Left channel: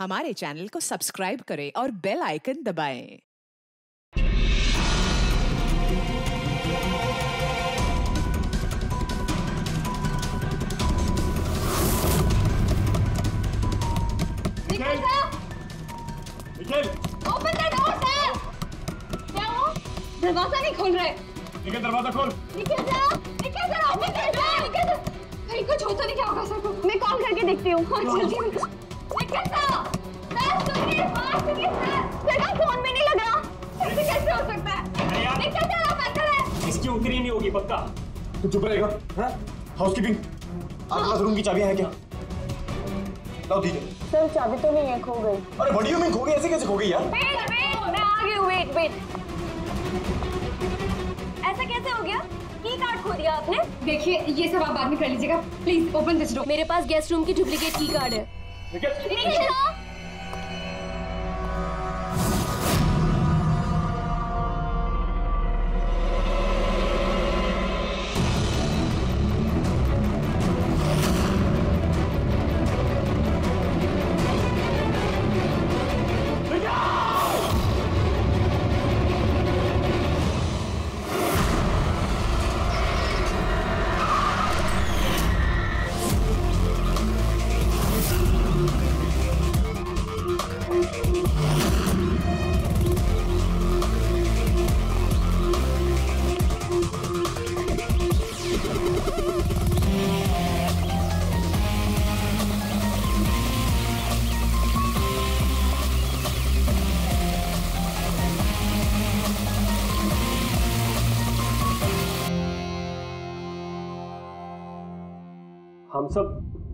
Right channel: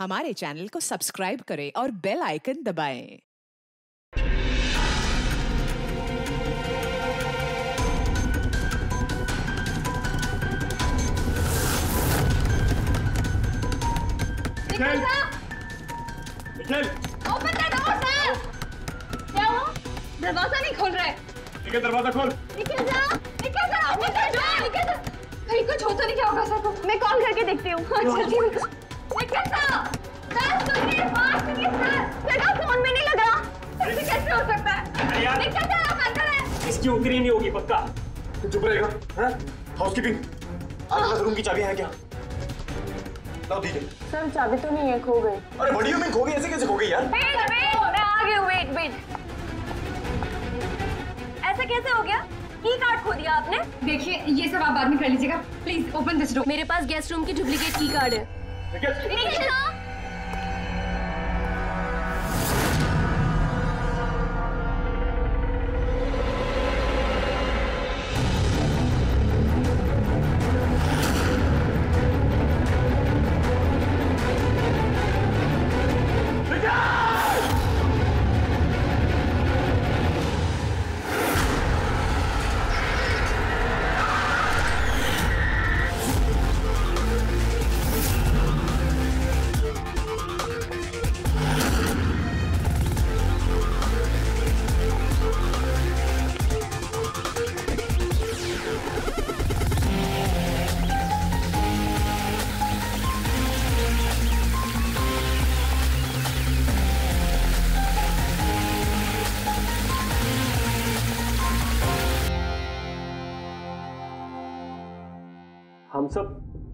हमारे चैनल को सब्सक्राइब करें और बेल आइकन दबाएं। Nikhil! Nikhil! Open the door, sir! क्या हुआ? दरवाजा नहीं खोल रहे। निखिल दरवाजा खोल। Nikhil sir open the door! Nikhil sir, कहीं कुछ होता नहीं क्या होगा सर को? मैं कॉल करके देखती हूँ। हाँ जल्दी। निखिल सर सुनिए बात सुनिए सर का फोन में नहीं लग रहा। ऐसे कैसे हो सकता है? निखिल सर आप अंदर हैं। इसकी उतरी नहीं होगी पक्का। तो चुप रहेगा? हैं? हाउसकीपिंग। आपके पास रूम की चाबियां हैं क्या? लाओ दीजिए। सर चाबी तो नहीं है, खो गई। अरे बड़ियों में खो गई, ऐसे कैसे खो गई यार? वेट मैं आ गई हूँ। वेट ऐसा कैसे हो गया? की कार्ड खो दिया आपने? देखिए ये सब आप बाद में कर लीजिएगा। Please open this door. मेरे पास गेस्ट रूम की डुप्लीकेट की कार्ड है। निखिल!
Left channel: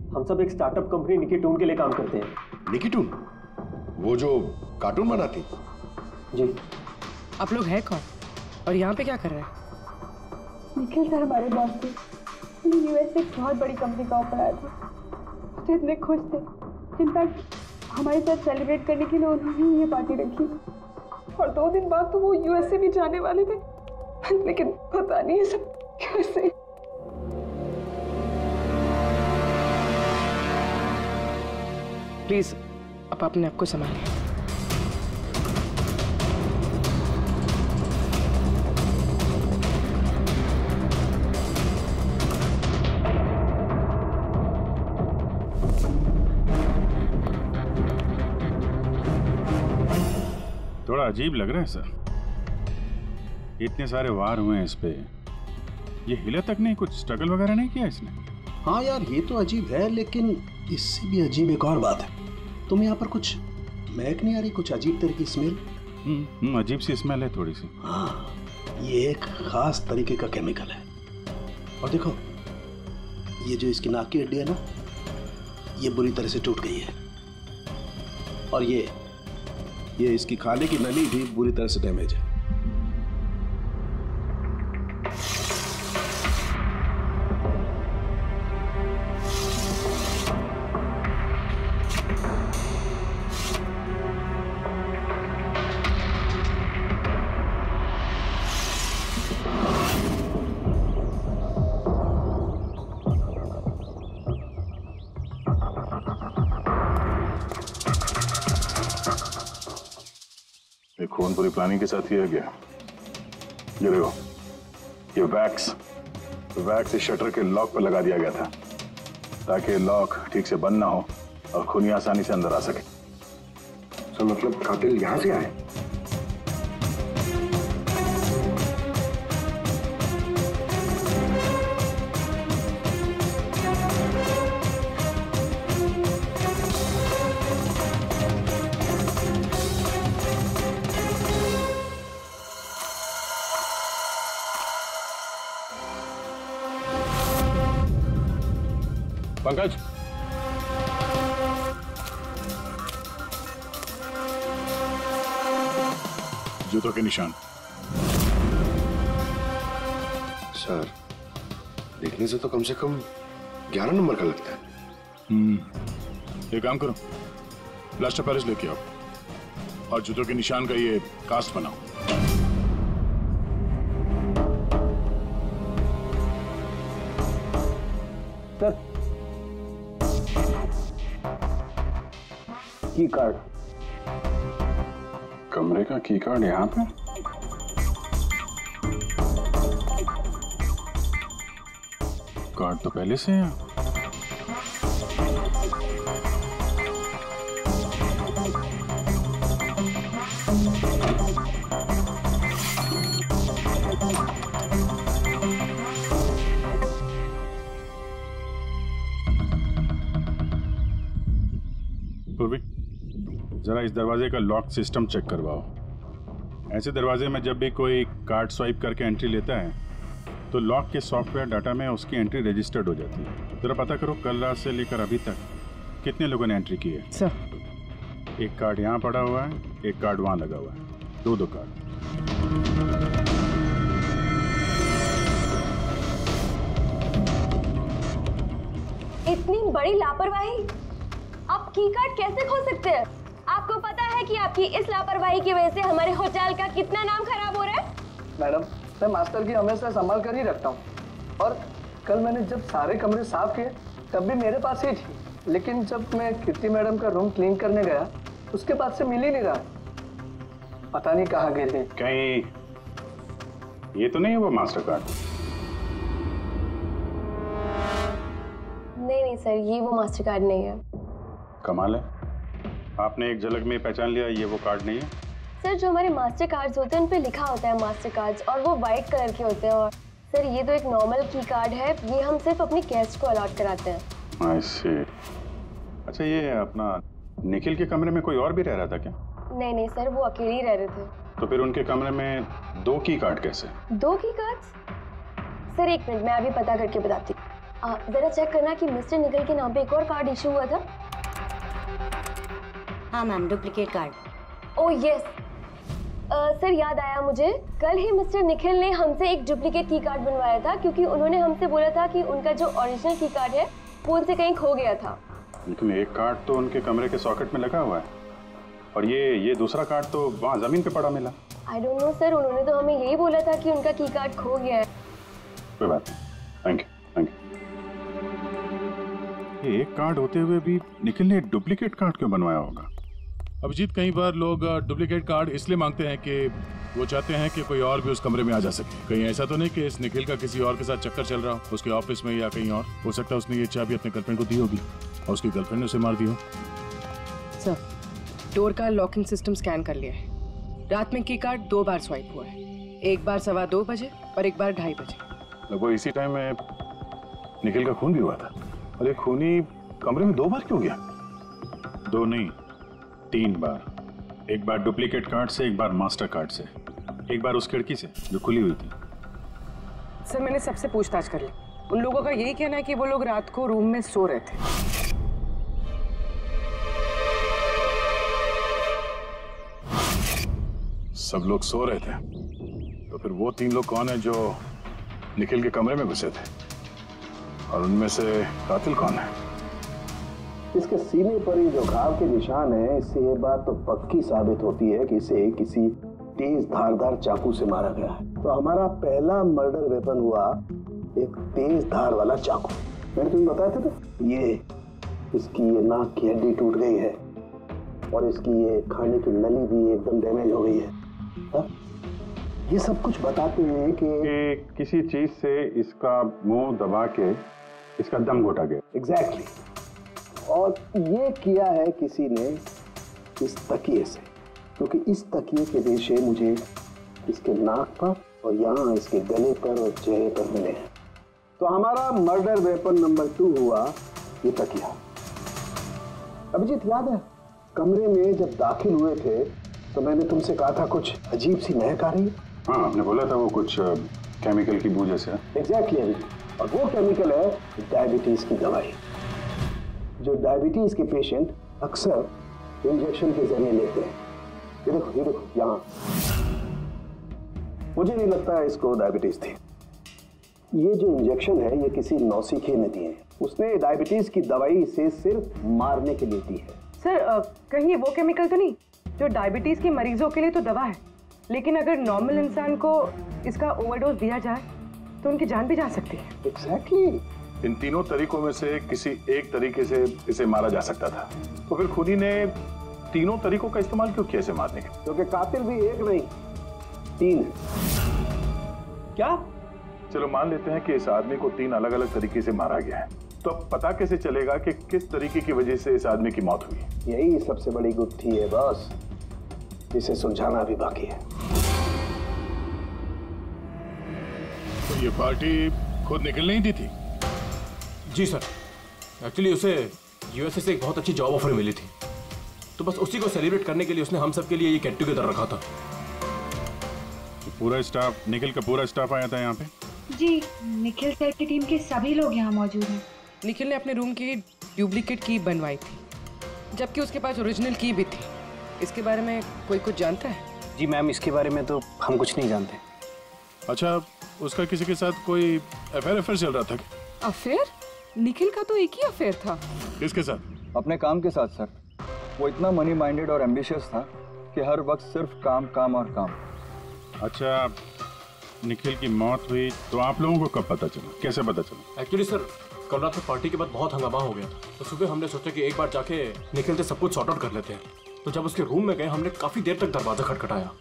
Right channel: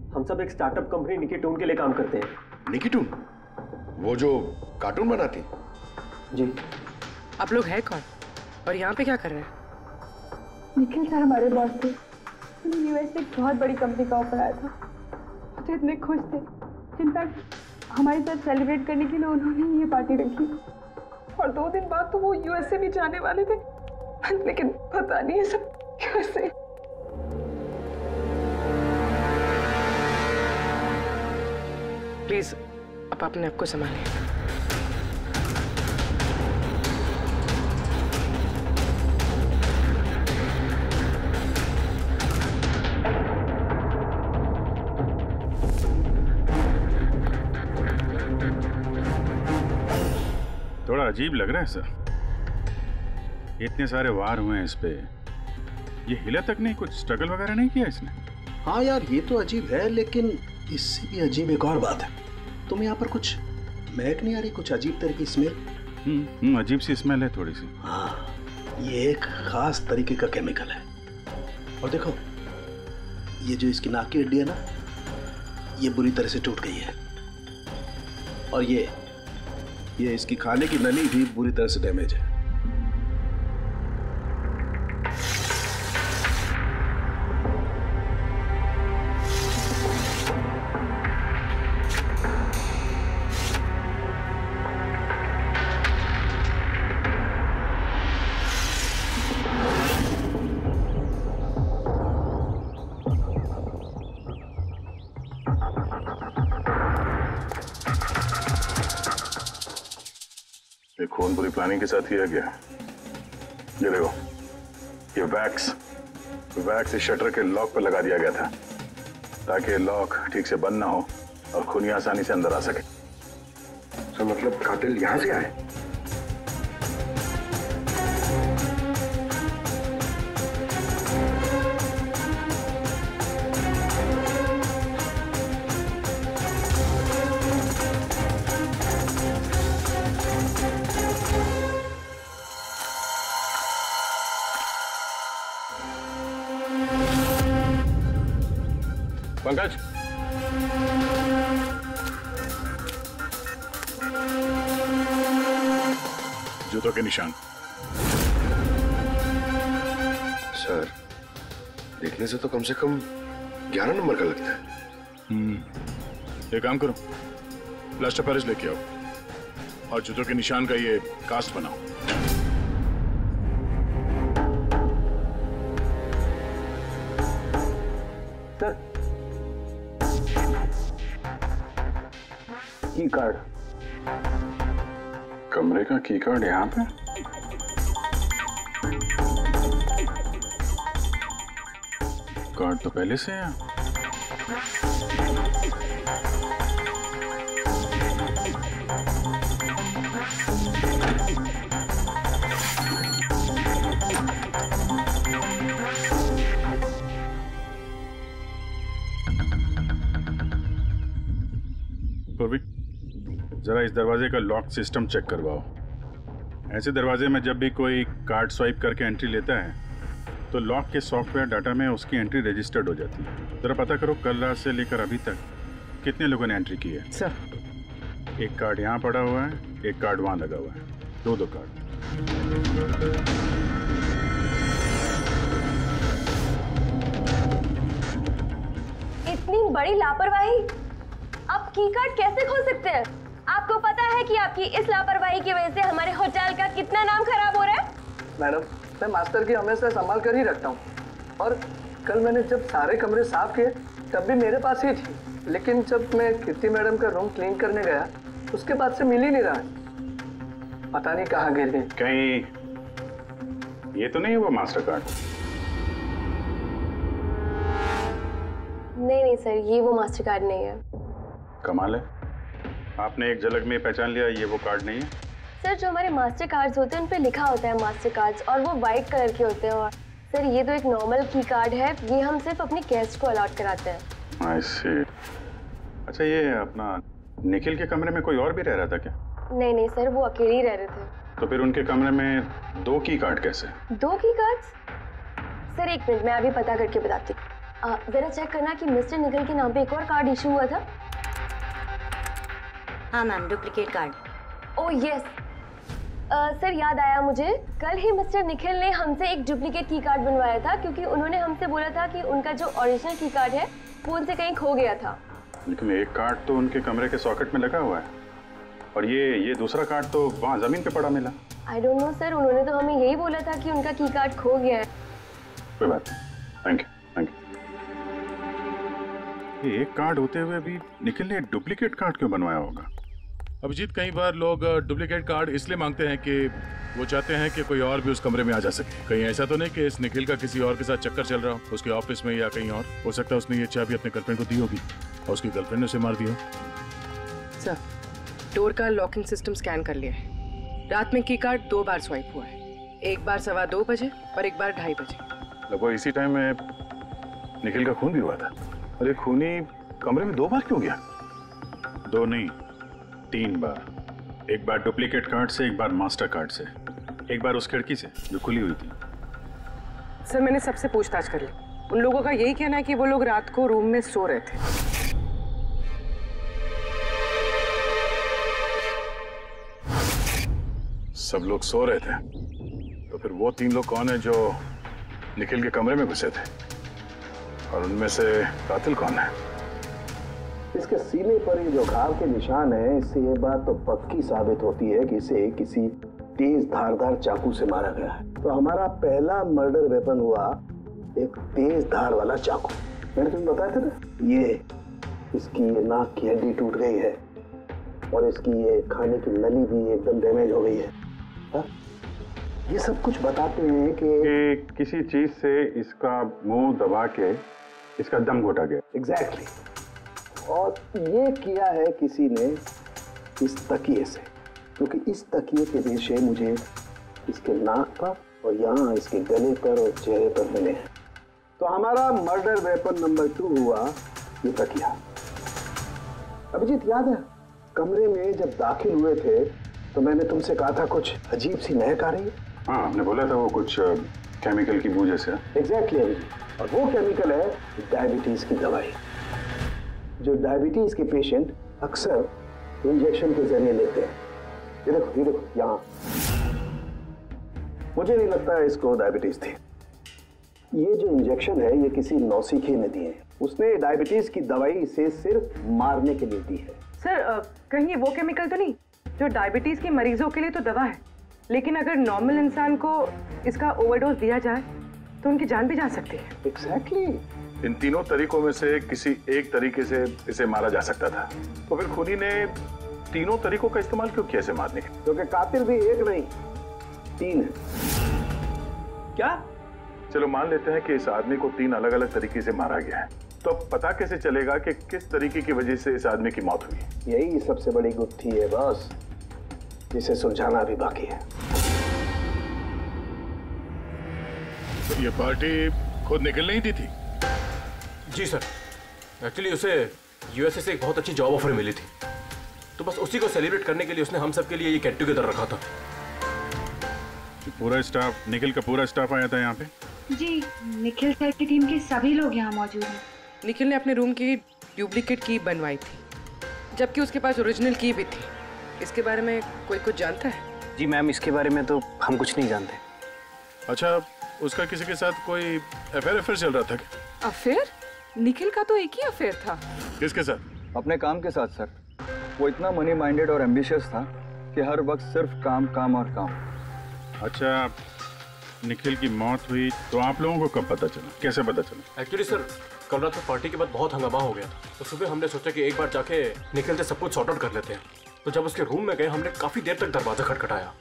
हम सब एक स्टार्टअप कंपनी निकिटून के लिए काम करते हैं। निकिटून? वो जो कार्टून बनाती? जी। आप लोग हैं कौन और यहाँ पे क्या कर रहे हैं? निखिल सर हमारे बॉस थे। उन्हें यूएस से एक बहुत बड़ी कंपनी का ऑफर आया था। वो तो इतने खुश थे। इनफैक्ट हमारे साथ सेलिब्रेट करने के लिए उन्होंने ये पार्टी रखी और 2 दिन बाद तो वो यूएस से भी जाने वाले थे, लेकिन पता नहीं ये सब कैसे। प्लीज आप अपने आप को संभालिए। थोड़ा अजीब लग रहा है सर। इतने सारे वार हुए हैं इस पे, ये हिला तक नहीं, कुछ स्ट्रगल वगैरह नहीं किया इसने? हाँ यार ये तो अजीब है, लेकिन इससे भी अजीब एक और बात है। तुम्हें यहाँ पर कुछ महक नहीं आ रही? कुछ अजीब तरह की स्मेल? अजीब सी स्मेल है थोड़ी सी। हाँ, ये एक खास तरीके का केमिकल है। और देखो ये जो इसकी नाक की हड्डी है ना, ये बुरी तरह से टूट गई है। और ये इसकी खाने की नली भी बुरी तरह से डैमेज है। ये खून पूरी प्लानिंग के साथ किया गया। ये देखो, ये वैक्स इस शटर के लॉक पर लगा दिया गया था ताकि लॉक ठीक से बंद ना हो और खूनी आसानी से अंदर आ सके। तो मतलब कातिल यहाँ से आए? पंकज, जूतों के निशान। सर देखने से तो कम 11 नंबर का लगता है। ये काम करो, प्लास्टर पेरिस लेके आओ और जूतों के निशान का ये कास्ट बनाओ। सर की कार्ड। कमरे का की कार्ड यहाँ पे? कार्ड तो पहले से है। पूर्वी, जरा इस दरवाजे का लॉक सिस्टम चेक करवाओ। ऐसे दरवाजे में जब भी कोई कार्ड स्वाइप करके एंट्री लेता है तो लॉक के सॉफ्टवेयर डाटा में उसकी एंट्री रजिस्टर्ड हो जाती है। जरा पता करो कल रात से लेकर अभी तक कितने लोगों ने एंट्री की है। सर, एक कार्ड यहाँ पड़ा हुआ है, एक कार्ड वहाँ लगा हुआ है, दो कार्ड। इतनी बड़ी लापरवाही! आप की कार्ड कैसे खो सकते हैं? आपको पता है कि आपकी इस लापरवाही की वजह से हमारे होटल का कितना नाम खराब हो रहा है? मैडम, मैं मास्टर की हमेशा संभाल कर ही रखता हूँ, और कल मैंने जब सारे कमरे साफ किए तब भी मेरे पास ही थी, लेकिन जब मैं कीर्ति मैडम का रूम क्लीन करने गया उसके बाद से मिल ही नहीं रहा। पता नहीं कहाँ गिर गई। कहीं ये तो नहीं हुआ मास्टर कार्ड? नहीं सर, ये वो मास्टर कार्ड नहीं है। कमाल है, आपने एक झलक में पहचान लिया ये वो कार्ड नहीं है। सर, जो हमारे मास्टर कार्ड्स होते हैं उन पे लिखा होता है मास्टर कार्ड्स, और वो वाइट कलर के होते हैं। और सर, ये तो एक नॉर्मल की कार्ड है, ये हम सिर्फ अपने गेस्ट को अलॉट कराते हैं। आई सी। अच्छा, ये अपना निखिल के कमरे में कोई और भी रह रहा था क्या? नहीं सर, वो अकेले ही रह रहे थे। तो फिर उनके कमरे में 2 की कार्ड कैसे? 2 की कार्ड्स? सर एक मिनट, मैं अभी पता करके बताती हूँ। जरा चेक करना कि मिस्टर निखिल के नाम पे एक और कार्ड इशू हुआ था। हाँ ma'am, duplicate card. Oh yes sir, याद आया मुझे, कल ही मिस्टर निखिल ने हमसे एक डुप्लीकेट की कार्ड बनवाया था, क्योंकि उन्होंने हमसे बोला था कि उनका जो ओरिजिनल की कार्ड है वो उनसे कहीं खो गया था। लेकिन एक कार्ड तो उनके कमरे के सॉकेट में लगा हुआ है, और ये दूसरा कार्ड तो वहाँ जमीन पे पड़ा मिला। आई डोंट नो सर, उन्होंने तो हमें यही बोला था कि उनका की कार्ड खो गया है। कोई बात नहीं, थैंक यू। ये एक कार्ड होते हुए भी निखिल ने डुप्लीकेट कार्ड क्यों बनवाया होगा? अभिजीत, कई बार लोग डुप्लीकेट कार्ड इसलिए मांगते हैं कि वो चाहते हैं कि कोई और भी उस कमरे में आ जा सके। कहीं ऐसा तो नहीं कि इस निखिल का किसी और के साथ चक्कर चल रहा हो, उसके ऑफिस में या कहीं और। हो सकता है उसने ये चाबी अपने गर्लफ्रेंड को दी होगी और उसकी गर्लफ्रेंड ने उसे मार दी हो। सर, डोर का लॉकिंग सिस्टम स्कैन कर लिया है। रात में की कार्ड 2 बार स्वाइप हुआ है, एक बार 2:15 बजे और एक बार 2:30 बजे। लगभग इसी टाइम में निखिल का खून भी हुआ था। और ये खूनी कमरे में 2 बार क्यों गया? 2 नहीं, 3 बार। एक बार डुप्लीकेट कार्ड से, एक बार मास्टर कार्ड से, एक बार उस खिड़की से जो खुली हुई थी। सर, मैंने सबसे पूछताछ कर ली, उन लोगों का यही कहना है कि वो लोग रात को रूम में सो रहे थे। सब लोग सो रहे थे, तो फिर वो 3 लोग कौन है जो निखिल के कमरे में घुसे थे, और उनमें से कातिल कौन है? इसके सीने पर ये जो घाव के निशान है, इससे ये बात तो पक्की साबित होती है कि इसे किसी तेज धारदार चाकू से मारा गया है। तो हमारा पहला मर्डर वेपन हुआ एक तेज धार वाला चाकू। मैंने तुम्हें बताया था ना, ये इसकी ये नाक की हड्डी टूट गई है, और इसकी ये खाने की नली भी एकदम डैमेज हो गई है। हा? ये सब कुछ बताते हैं कि किसी चीज से इसका मुंह दबा के इसका दम घोटा गया। एग्जैक्टली। और ये किया है किसी ने इस तकिए से, क्योंकि इस तकिए के रेशे मुझे इसके नाक पर और यहाँ इसके गले पर और चेहरे पर मिले हैं। तो हमारा मर्डर वेपन नंबर 2 हुआ ये तकिया। अभिजीत, याद है कमरे में जब दाखिल हुए थे तो मैंने तुमसे कहा था कुछ अजीब सी महक आ रही है? हाँ, आपने बोला था वो कुछ केमिकल की बू जैसे। एग्जैक्टली अभिजीत, और वो केमिकल है डायबिटीज की दवाई, जो डायबिटीज के पेशेंट अक्सर इंजेक्शन के जरिए लेते हैं। ये देखो यहाँ। मुझे नहीं लगता है इसको डायबिटीज थी। ये जो इंजेक्शन है ये किसी नौसिखिए ने दिए हैं। उसने डायबिटीज की दवाई इसे सिर्फ मारने के लिए दी है। सर, कहीं ये वो केमिकल तो नहीं जो डायबिटीज के मरीजों के लिए तो दवा है, लेकिन अगर नॉर्मल इंसान को इसका ओवरडोज दिया जाए तो उनकी जान भी जा सकती है। एग्जैक्टली। इन तीनों तरीकों में से किसी एक तरीके से इसे मारा जा सकता था। तो फिर खूनी ने तीनों तरीकों का इस्तेमाल क्यों किया इसे मारने के? क्योंकि कातिल भी एक नहीं 3 है। क्या? चलो मान लेते हैं कि इस आदमी को 3 अलग अलग तरीके से मारा गया है, तो अब पता कैसे चलेगा कि किस तरीके की वजह से इस आदमी की मौत हुई? यही सबसे बड़ी गुत्थी है बॉस, जिसे सुलझाना भी बाकी है। तो ये पार्टी खुद निकल नहीं दी थी? जी सर, एक्चुअली उसे यूएसए से एक बहुत अच्छी जॉब ऑफर मिली थी, तो बस उसी को सेलिब्रेट करने के लिए उसने हम सब के लिए ये गेट टुगेदर रखा था। पूरा स्टाफ, निखिल का पूरा स्टाफ आया था यहाँ पे? जी, निखिल सर की टीम के सभी लोग यहाँ मौजूद हैं। निखिल ने अपने रूम की डुप्लीकेट की बनवाई थी, जबकि उसके पास ओरिजिनल की भी थी। इसके बारे में कोई कुछ जानता है? जी मैम, इसके बारे में तो हम कुछ नहीं जानते। अच्छा, उसका किसी के साथ कोई अफेयर चल रहा था क्या? अफेयर? निखिल का तो एक ही अफेयर था। किसके साथ? अपने काम के साथ सर। वो इतना मनी माइंडेड और एम्बिशियस था कि हर वक्त सिर्फ काम काम और काम। अच्छा, निखिल की मौत हुई तो आप लोगों को कब पता चला, कैसे पता चला? एक्चुअली सर, कल रात को पार्टी के बाद बहुत हंगामा हो गया था, तो सुबह हमने सोचा कि एक बार जाके निखिल से सब कुछ सॉर्ट आउट कर लेते हैं। तो जब उसके रूम में गए, हमने काफी देर तक दरवाजा खटखटाया,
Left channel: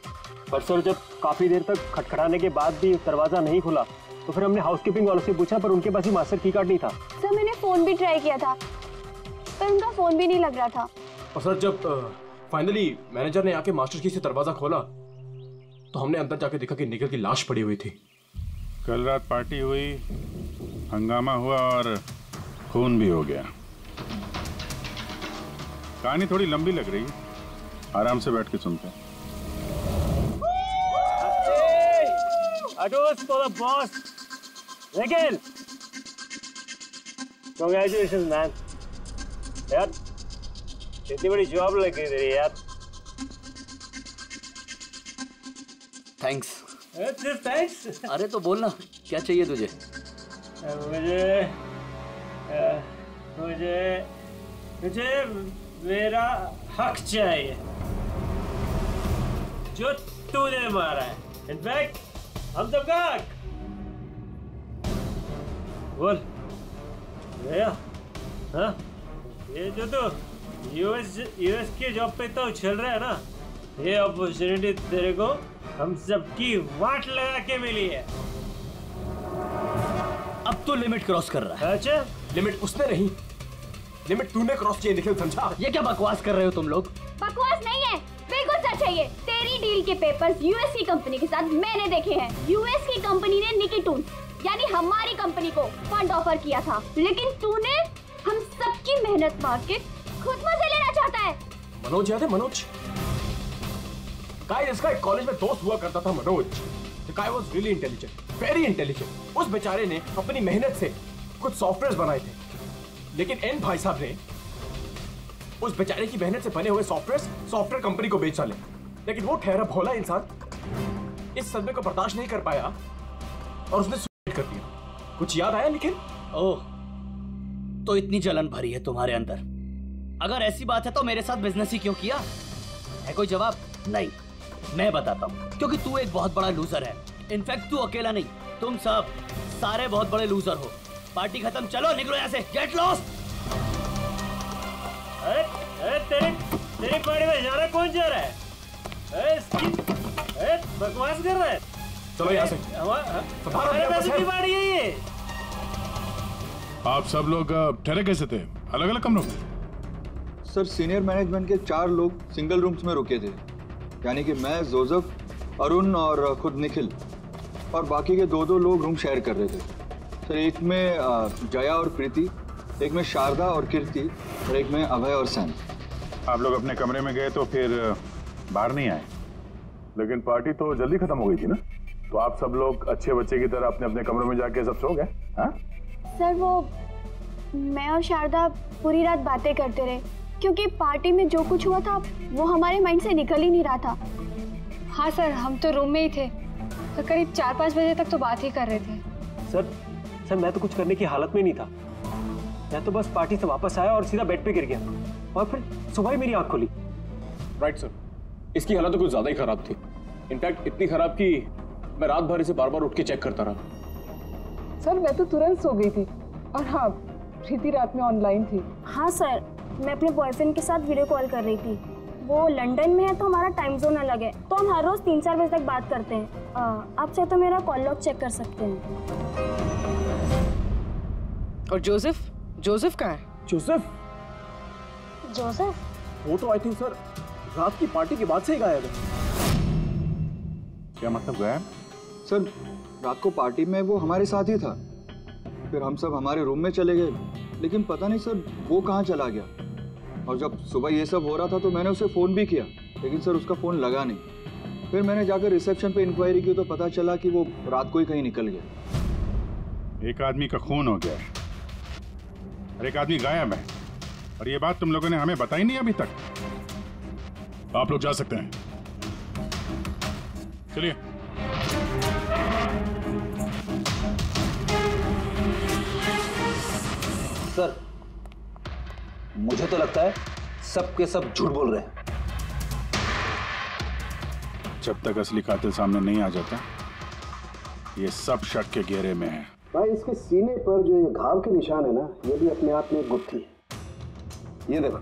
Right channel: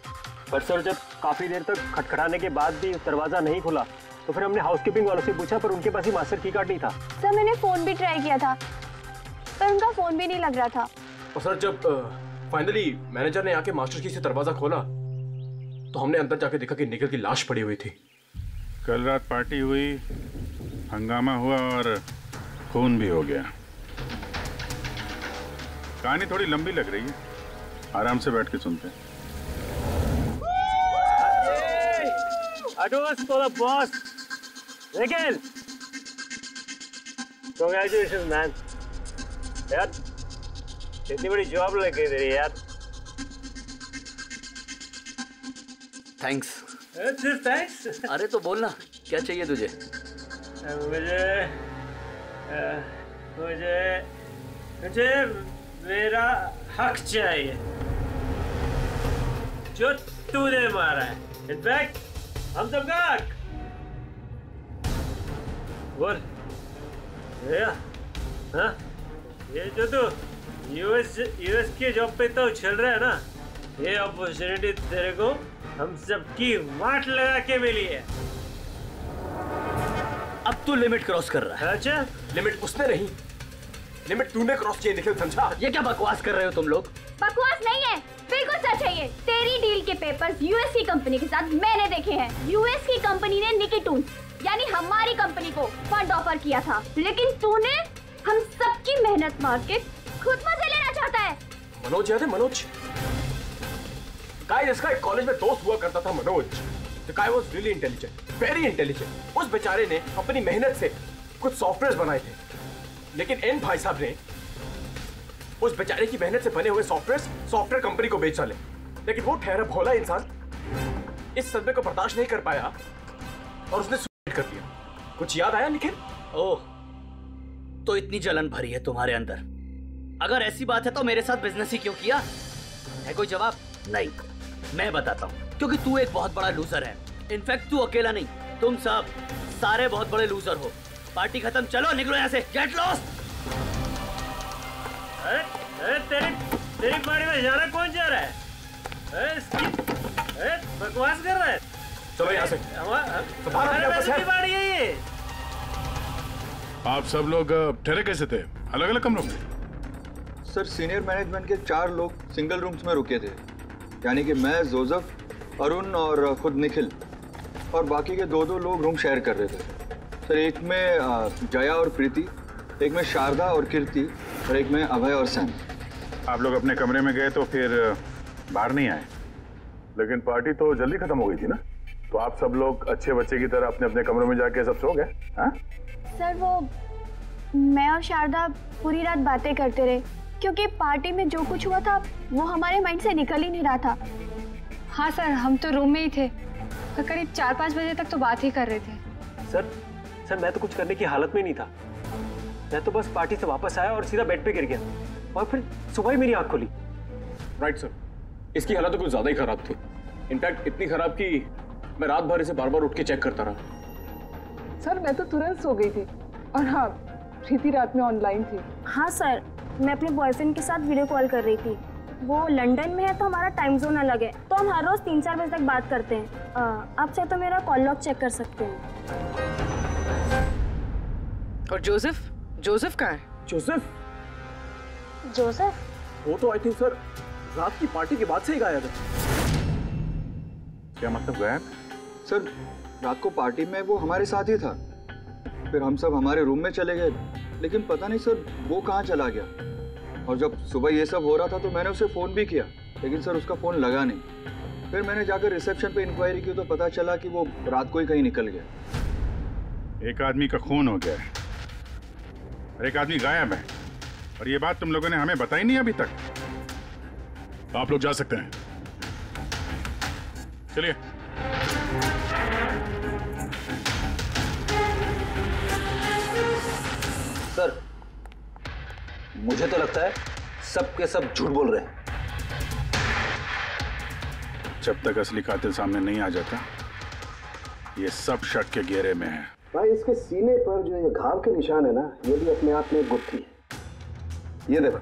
पर सर जब काफी देर तक खटखटाने के बाद भी दरवाजा नहीं खुला, तो फिर हमने हाउसकीपिंग वालों से पूछा, पर उनके पास ही मास्टर की कार्ड नहीं था। सर मैंने फोन भी ट्राई किया था, पर उनका फोन भी नहीं लग रहा था। और सर जब फाइनली मैनेजर ने आके मास्टर की से दरवाजा खोला, तो हमने अंदर जाके देखा कि निखिल की लाश पड़ी हुई थी। कल रात पार्टी हुई, हंगामा हुआ और खून भी हो गया। कहानी थोड़ी लंबी लग रही है, आराम से बैठ के सुनते हैं। for the boss. Nikhil, congratulations man. यार, इतनी बड़ी जॉब लग गई तेरी यार। थैंक्स। सिर्फ थैंक्स? अरे तो बोलना, क्या चाहिए तुझे? मुझे मेरा हक चाहिए जो तूने मारा है। इनफैक्ट हम सबका हक। बोल भैया। हाँ, ये जो तू यूएस के जॉब पे तो चल रहा है ना, ये अपॉर्चुनिटी तेरे को हम सबकी वाट लगा के मिली है। अब तू लिमिट क्रॉस कर रहा है। अच्छा, लिमिट उसने नहीं, लिमिट तूने क्रॉस किया निखिल, समझा? ये क्या बकवास कर रहे हो तुम लोग? बकवास नहीं है, बिल्कुल सच है ये। तेरी डील के पेपर्स यूएस की कंपनी के साथ मैंने देखे हैं। यूएस की कंपनी ने निकिटून यानी हमारी कंपनी को फंड ऑफर किया था, लेकिन तूने हम सबकी मेहनत मार के खुद मजे लेना चाहता है। मनोज याद है? मनोज गाइस, इसका एक कॉलेज में दोस्त हुआ करता था Manoj. The guy was really intelligent, very intelligent। उस बेचारे ने अपनी मेहनत से कुछ सॉफ्टवेयर बनाए थे, लेकिन एन भाई साहब ने उस बेचारे की मेहनत से बने हुए सॉफ्टवेयर कंपनी को बेच डाले। लेकिन वो ठहरा भोला इंसान इस सदमे को बर्दाश्त नहीं कर पाया और उसने सुसाइड कर दिया। कुछ याद आया निखिल? ओह, तो इतनी जलन भरी है तुम्हारे अंदर। अगर ऐसी बात है तो मेरे साथ बिजनेस ही क्यों किया? है कोई जवाब? नहीं, मैं बताता हूँ। क्योंकि तू एक बहुत बड़ा लूजर है। इनफैक्ट तू अकेला नहीं, तुम सब सारे बहुत बड़े लूजर हो। पार्टी खत्म, चलो निकलो यहाँ से, गेट लॉस्ट। अरे तेरी पार्टी में जाना कौन जा रहा है? अरे बकवास कर रहा है। चलो यहाँ से, हमारे पैसे की पार्टी है ये। आप सब लोग ठहरे कैसे थे अलग अलग कमरों में? सर सीनियर मैनेजमेंट के 4 लोग सिंगल रूम्स में रुके थे, यानी कि मैं, जोसेफ, अरुण और खुद निखिल, और बाकी के 2 लोग रूम शेयर कर रहे थे। सर एक में जया और प्रीति, एक में शारदा और कीर्ति, और एक में अभय और सैम। आप लोग अपने कमरे में गए तो फिर बाहर नहीं आए? लेकिन पार्टी तो जल्दी खत्म हो गई थी ना, तो आप सब लोग अच्छे बच्चे की तरह अपने अपने कमरों में जाके सब सो गए? हाँ सर, वो मैं और शारदा पूरी रात बातें करते रहे, क्योंकि पार्टी में जो कुछ हुआ था वो हमारे माइंड से निकल ही नहीं रहा था। हाँ सर, हम तो रूम में ही थे, तो करीब 4-5 बजे तक तो बात ही कर रहे थे। सर मैं तो कुछ करने की हालत में नहीं था। मैं तो बस पार्टी से वापस आया और सीधा बेड पे गिर गया, और फिर सुबह ही मेरी आंख खुली। राइट सर, इसकी हालत तो कुछ ज्यादा ही खराब थी। इनफैक्ट इतनी खराब कि मैं रात भर इसे बार बार उठ के चेक करता रहा। सर मैं तो तुरंत सो गई थी, और हाँ, प्रीति रात में ऑनलाइन थी। हाँ सर, मैं अपने बॉयफ्रेंड के साथ वीडियो कॉल कर रही थी, वो लंदन में है तो हमारा टाइम जोन अलग है, तो हम हर रोज 3-4 बजे तक बात करते हैं। आप चाहे तो मेरा कॉल लॉग चेक कर सकते हैं। और जोसेफ? जोसेफ कहाँ है? जोसेफ? जोसेफ? वो तो आई थिंक सर रात की पार्टी के बाद से ही गायब है। क्या मतलब गायब? सर रात को पार्टी में वो हमारे साथ ही था, फिर हम सब हमारे रूम में चले गए, लेकिन पता नहीं सर वो कहाँ चला गया। और जब सुबह ये सब हो रहा था तो मैंने उसे फ़ोन भी किया, लेकिन सर उसका फ़ोन लगा नहीं। फिर मैंने जाकर रिसेप्शन पे इंक्वायरी की तो पता चला कि वो रात को ही कहीं निकल गया। एक आदमी का खून हो गया है और एक आदमी गायब है, और ये बात तुम लोगों ने हमें बताई नहीं अभी तक। आप लोग जा सकते हैं, चलिए। सर मुझे तो लगता है सब के सब झूठ बोल रहे हैं। जब तक असली कातिल सामने नहीं आ जाता ये सब शक के घेरे में है। भाई इसके सीने पर जो ये घाव के निशान है ना, ये भी अपने आप में एक गुत्थी है। ये देखो,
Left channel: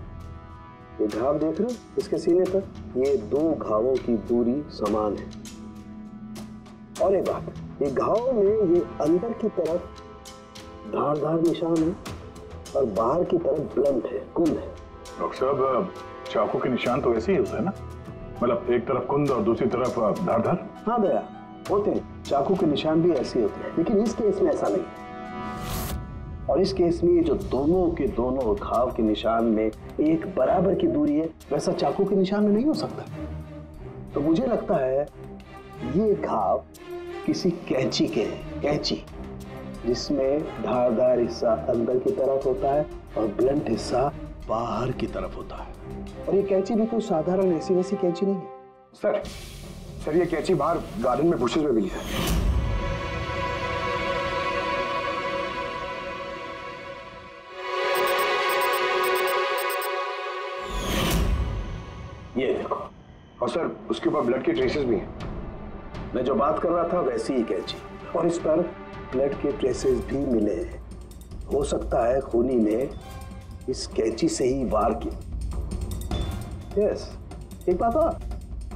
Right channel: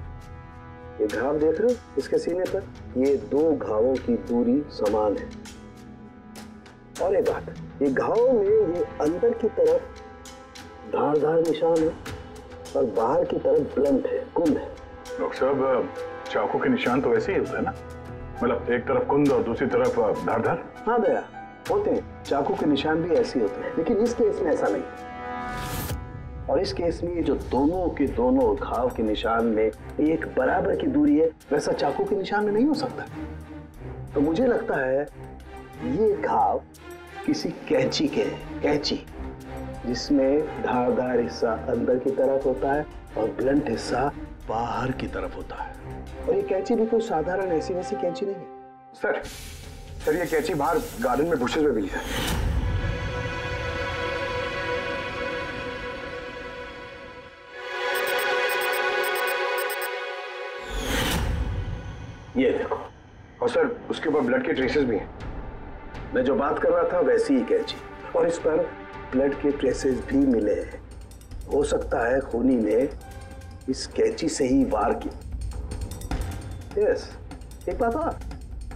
ये घाव देख रहे हो इसके सीने पर, ये 2 घावों की दूरी समान है। और एक बात, ये घाव में ये अंदर की तरफ धारदार निशान है और बाहर की तरफ ब्लंट है, कुंद है। डॉक्टर साहब चाकू के निशान तो ऐसे ही होते हैं ना, मतलब एक तरफ कुंद और दूसरी तरफ धारदार। हाँ दया, होते हैं, चाकू के निशान भी ऐसे होते हैं, लेकिन इस केस में ऐसा नहीं। और इस केस में ये जो दोनों के दोनों घाव के निशान में एक बराबर की दूरी है, वैसा चाकू के निशान में नहीं हो सकता। तो मुझे लगता है ये घाव किसी कैंची के हैं, कैंची जिसमें धारदार हिस्सा अंदर की तरफ होता है और ब्लंट हिस्सा बाहर की तरफ होता है। और ये कैंची भी कोई साधारण ऐसी वैसी कैंची नहीं है। सर ये कैंची बाहर गार्डन में बुशेस में मिली है। ये देखो, और सर उसके ऊपर ब्लड के ट्रेसेस भी हैं। मैं जो बात कर रहा था वैसी ही कैंची, और इस पर ब्लड के ट्रेसेस भी मिले हैं। हो सकता है खूनी ने इस कैंची से ही वार किया। यस, एक बात और,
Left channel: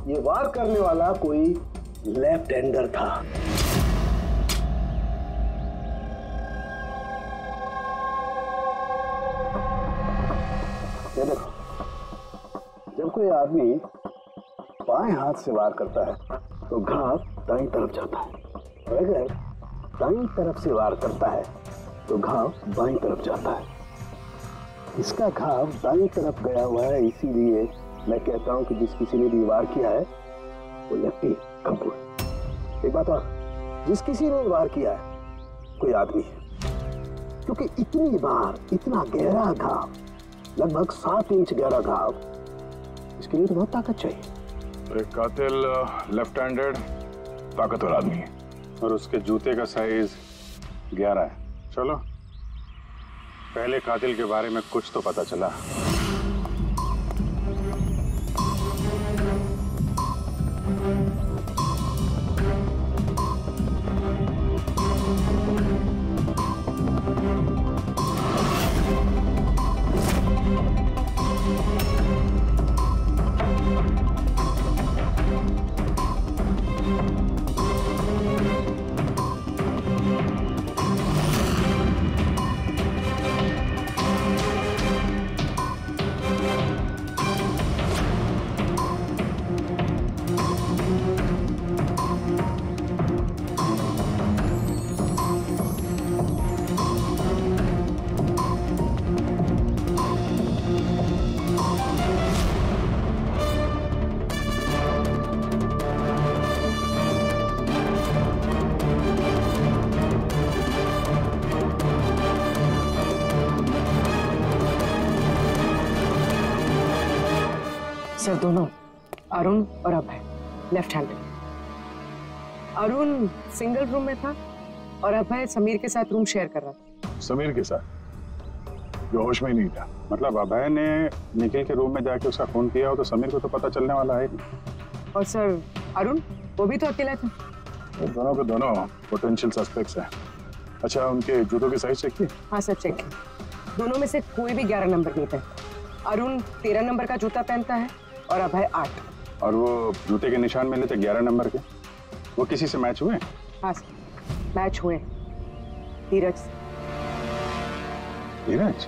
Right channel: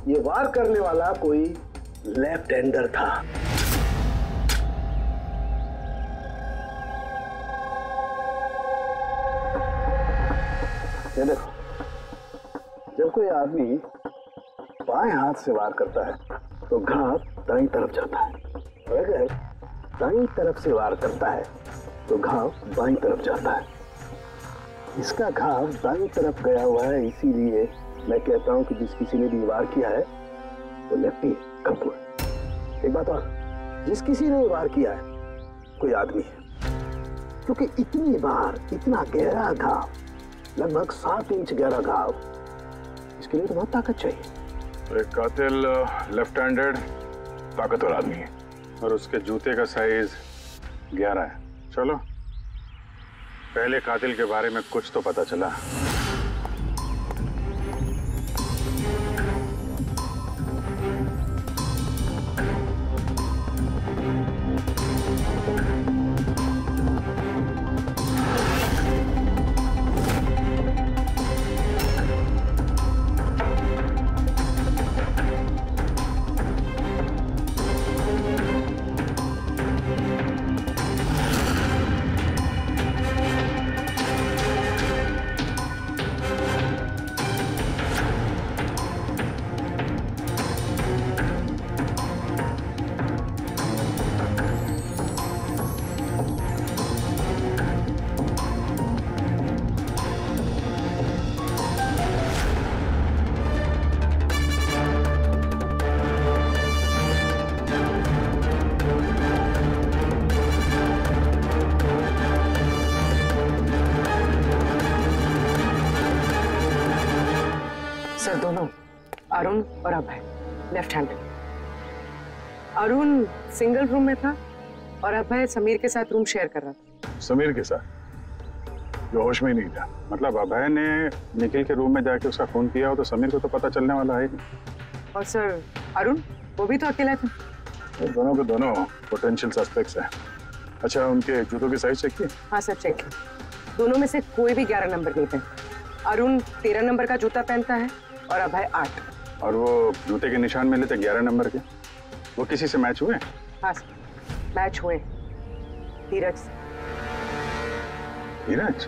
ये वार करने वाला कोई लेफ्ट हैंडर था। ये देखो, जब कोई आदमी बाएं हाथ से वार करता है तो घाव दाईं तरफ जाता है, और अगर दाईं तरफ से वार करता है तो घाव बाईं तरफ जाता है। इसका घाव दाईं तरफ गया हुआ है, इसीलिए मैं कहता हूं कि जिस किसी ने भी वार किया है वो लेफ्टी कपूर। एक बात और, जिस किसी ने वार किया है कोई आदमी है, क्योंकि इतनी बार इतना गहरा घाव, लगभग 7 इंच गहरा घाव, इसके लिए तो बहुत ताकत चाहिए। तो एक कातिल लेफ्ट हैंडेड ताकतवर आदमी है और उसके जूते का साइज 11 है। चलो पहले कातिल के बारे में कुछ तो पता चला। सर दोनों, अरुण और Abhay, left handed. Arun single room में था और अभय समीर के साथ रूम शेयर कर रहा था। समीर के साथ, जो होश में ही नहीं था। मतलब अभय ने निखिल के रूम में जाके उसका खून किया हो तो समीर को तो पता चलने वाला है नहीं। और सर अरुण, वो भी तो अकेला था। वो दोनों के दोनों पोटेंशियल सस्पेक्ट्स हैं। अच्छा, उनके जूतों की साइज चेक की? हाँ सर, चेक की। दोनों में से कोई भी 11 नंबर नहीं पहनता। अरुण 13 नंबर का जूता पहनता है और अभय 8। और वो जूते के निशान मिले थे 11 नंबर के, वो किसी से मैच हुए? हाँ सर, मैच हुए। धीरज। धीरज?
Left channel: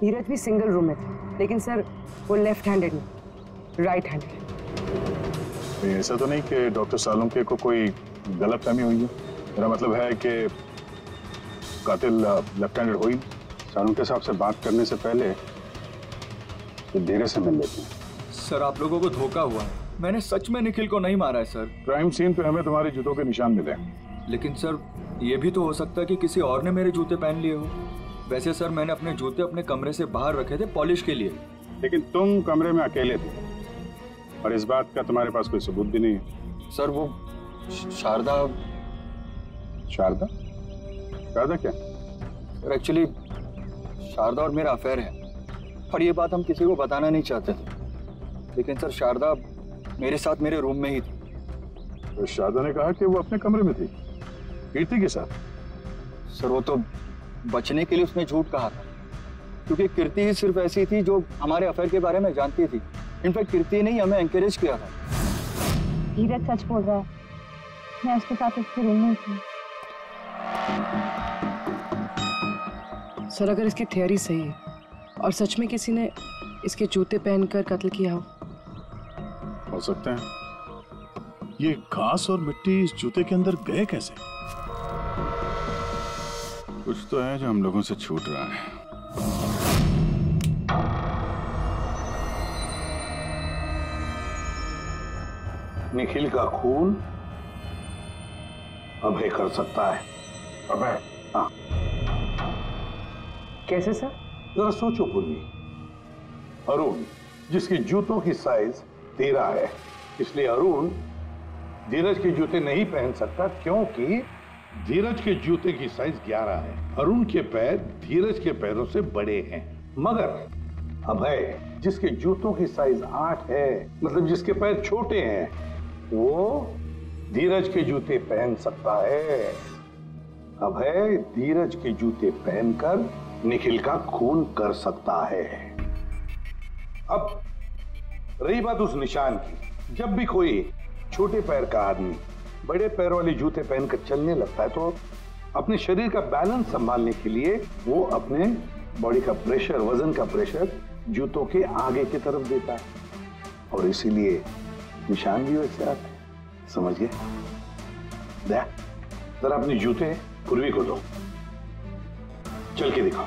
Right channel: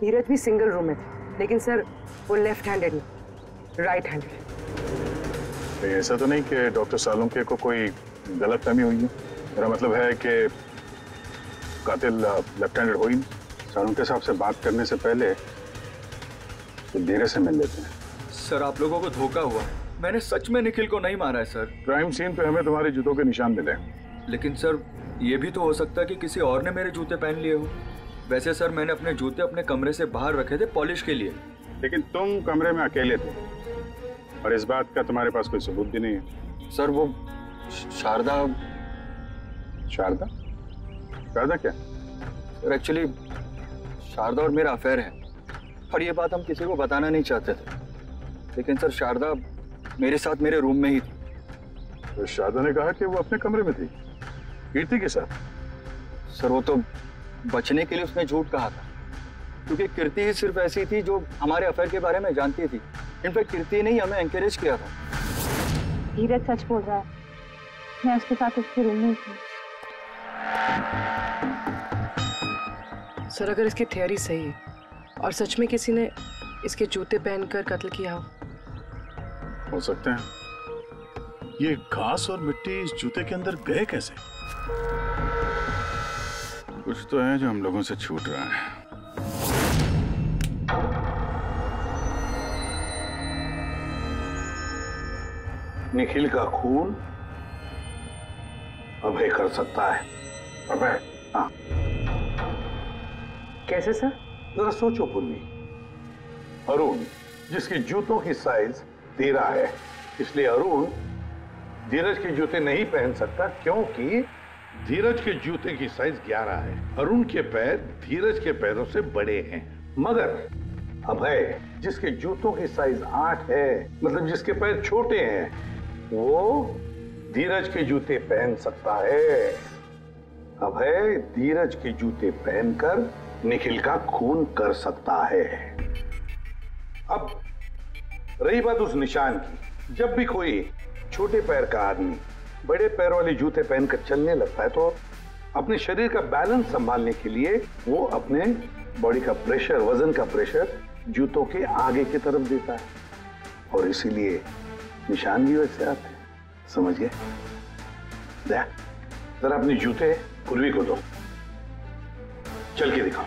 धीरज भी सिंगल रूम में थे, लेकिन सर वो लेफ्ट हैंडेड नहीं, राइट हैंडेड। ऐसा तो नहीं कि डॉक्टर सालुंके को कोई गलतफहमी हुई है? मेरा मतलब है कि कातिल लेफ्ट हैंडेड हो ही नहीं। सालुंके साहब से बात करने से पहले धीरज से मिल लेते हैं। सर आप लोगों को धोखा हुआ है, मैंने सच में निखिल को नहीं मारा है सर। क्राइम सीन पे हमें तुम्हारे जूतों के निशान मिले, लेकिन सर ये भी तो हो सकता है कि किसी और ने मेरे जूते पहन लिए हो। वैसे सर मैंने अपने जूते अपने कमरे से बाहर रखे थे पॉलिश के लिए। लेकिन तुम कमरे में अकेले थे और इस बात का तुम्हारे पास कोई सबूत भी नहीं है। सर वो शारदा। शारदा? शारदा क्या? सर एक्चुअली शारदा और मेरा अफेयर है और ये बात हम किसी को बताना नहीं चाहते थे, लेकिन सर शारदा मेरे साथ मेरे रूम में ही थी। तो शारदा ने कहा कि वो अपने कमरे में थी कीर्ति के साथ। सर वो तो बचने के लिए उसने झूठ कहा था, क्योंकि कीर्ति ही सिर्फ ऐसी थी जो हमारे अफेयर के बारे में जानती थी। इनफैक्ट कीर्ति ने ही हमें एनकरेज किया था। धीरज सच बोल रहा है, मैं उसके साथ उसके रूम में थी। सर अगर इसकी थियरी सही है और सच में किसी ने इसके जूते पहनकर कत्ल किया हो सकते हैं। ये घास और मिट्टी इस जूते के अंदर गए कैसे? कुछ तो है जो हम लोगों से छूट रहा है। निखिल का खून अभय कर सकता है। अभय? हाँ। कैसे सर? जरा सोचो पूर्वी। अरुण जिसकी जूतों की साइज 13 है, इसलिए अरुण धीरज के जूते नहीं पहन सकता, क्योंकि धीरज के जूते की साइज 11 है। अरुण के पैर धीरज के पैरों से बड़े हैं। मगर अभय जिसके जूतों की साइज 8 है, मतलब जिसके पैर छोटे हैं, वो धीरज के जूते पहन सकता है। अभय धीरज के जूते पहनकर निखिल का खून कर सकता है। अब रही बात उस निशान की, जब भी कोई छोटे पैर का आदमी बड़े पैर वाले जूते पहनकर चलने लगता है तो अपने शरीर का बैलेंस संभालने के लिए वो अपने बॉडी का प्रेशर, वजन का प्रेशर जूतों के आगे की तरफ देता है, और इसीलिए निशान भी वैसे आते हैं। समझ गए? दया जरा अपने जूते पूर्वी को दो, चल के दिखाओ।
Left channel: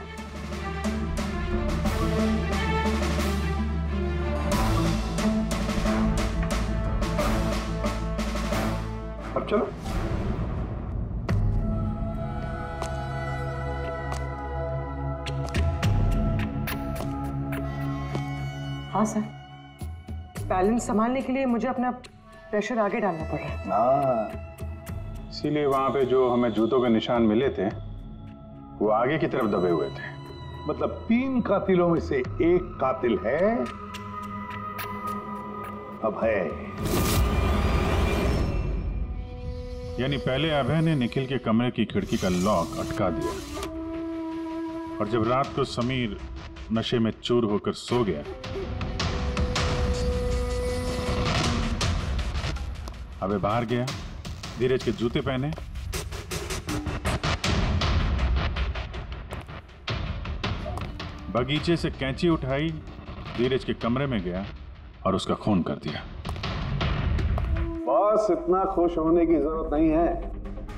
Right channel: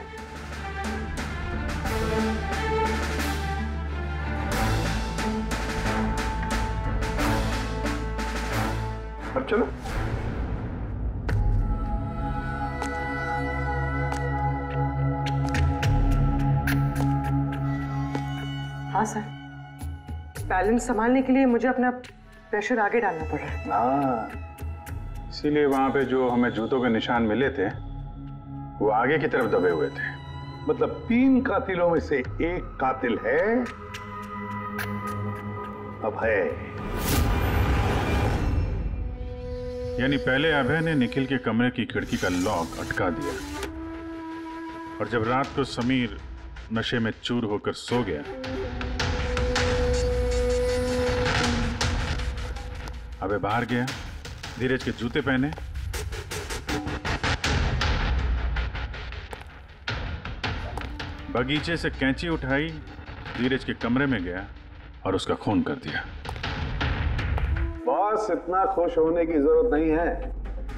अब चलो। हाँ सर, बैलेंस संभालने के लिए मुझे अपना प्रेशर आगे डालना पड़ रहा है। हाँ, इसीलिए वहां पे जो हमें जूतों के निशान मिले थे वो आगे की तरफ दबे हुए थे। मतलब 3 कातिलों में से एक कातिल है अभय। यानी पहले अभय ने निखिल के कमरे की खिड़की का लॉक अटका दिया, और जब रात को समीर नशे में चूर होकर सो गया, अभय बाहर गया, धीरज के जूते पहने, बगीचे से कैंची उठाई, धीरज के कमरे में गया और उसका खून कर दिया। बॉस इतना खुश होने की जरूरत नहीं है,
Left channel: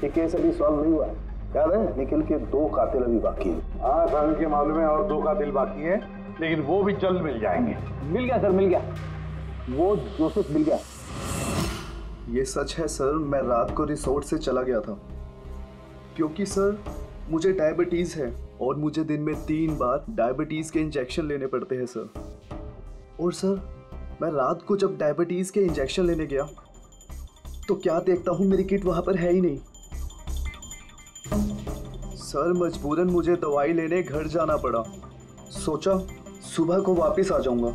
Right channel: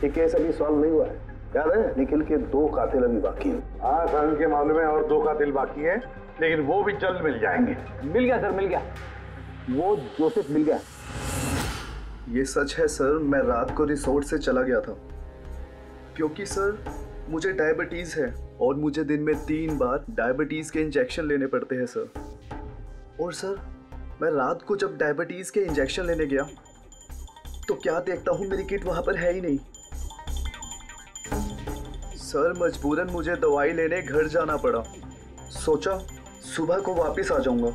ये केस अभी सॉल्व नहीं हुआ है। याद है निखिल के 2 कातिल अभी बाकी हैं। हाँ सर, उनके मामले में और 2 कातिल बाकी हैं, लेकिन वो भी जल्द मिल जाएंगे। मिल गया सर, मिल गया। वो जोसेफ मिल गया। ये सच है सर, मैं रात को रिसोर्ट से चला गया था क्योंकि सर मुझे डायबिटीज है और मुझे दिन में 3 बार डायबिटीज के इंजेक्शन लेने पड़ते हैं सर। और सर मैं रात को जब डायबिटीज के इंजेक्शन लेने गया तो क्या देखता हूँ मेरी किट वहां पर है ही नहीं। सर मजबूरन मुझे दवाई लेने घर जाना पड़ा। सोचा सुबह को वापस आ जाऊंगा।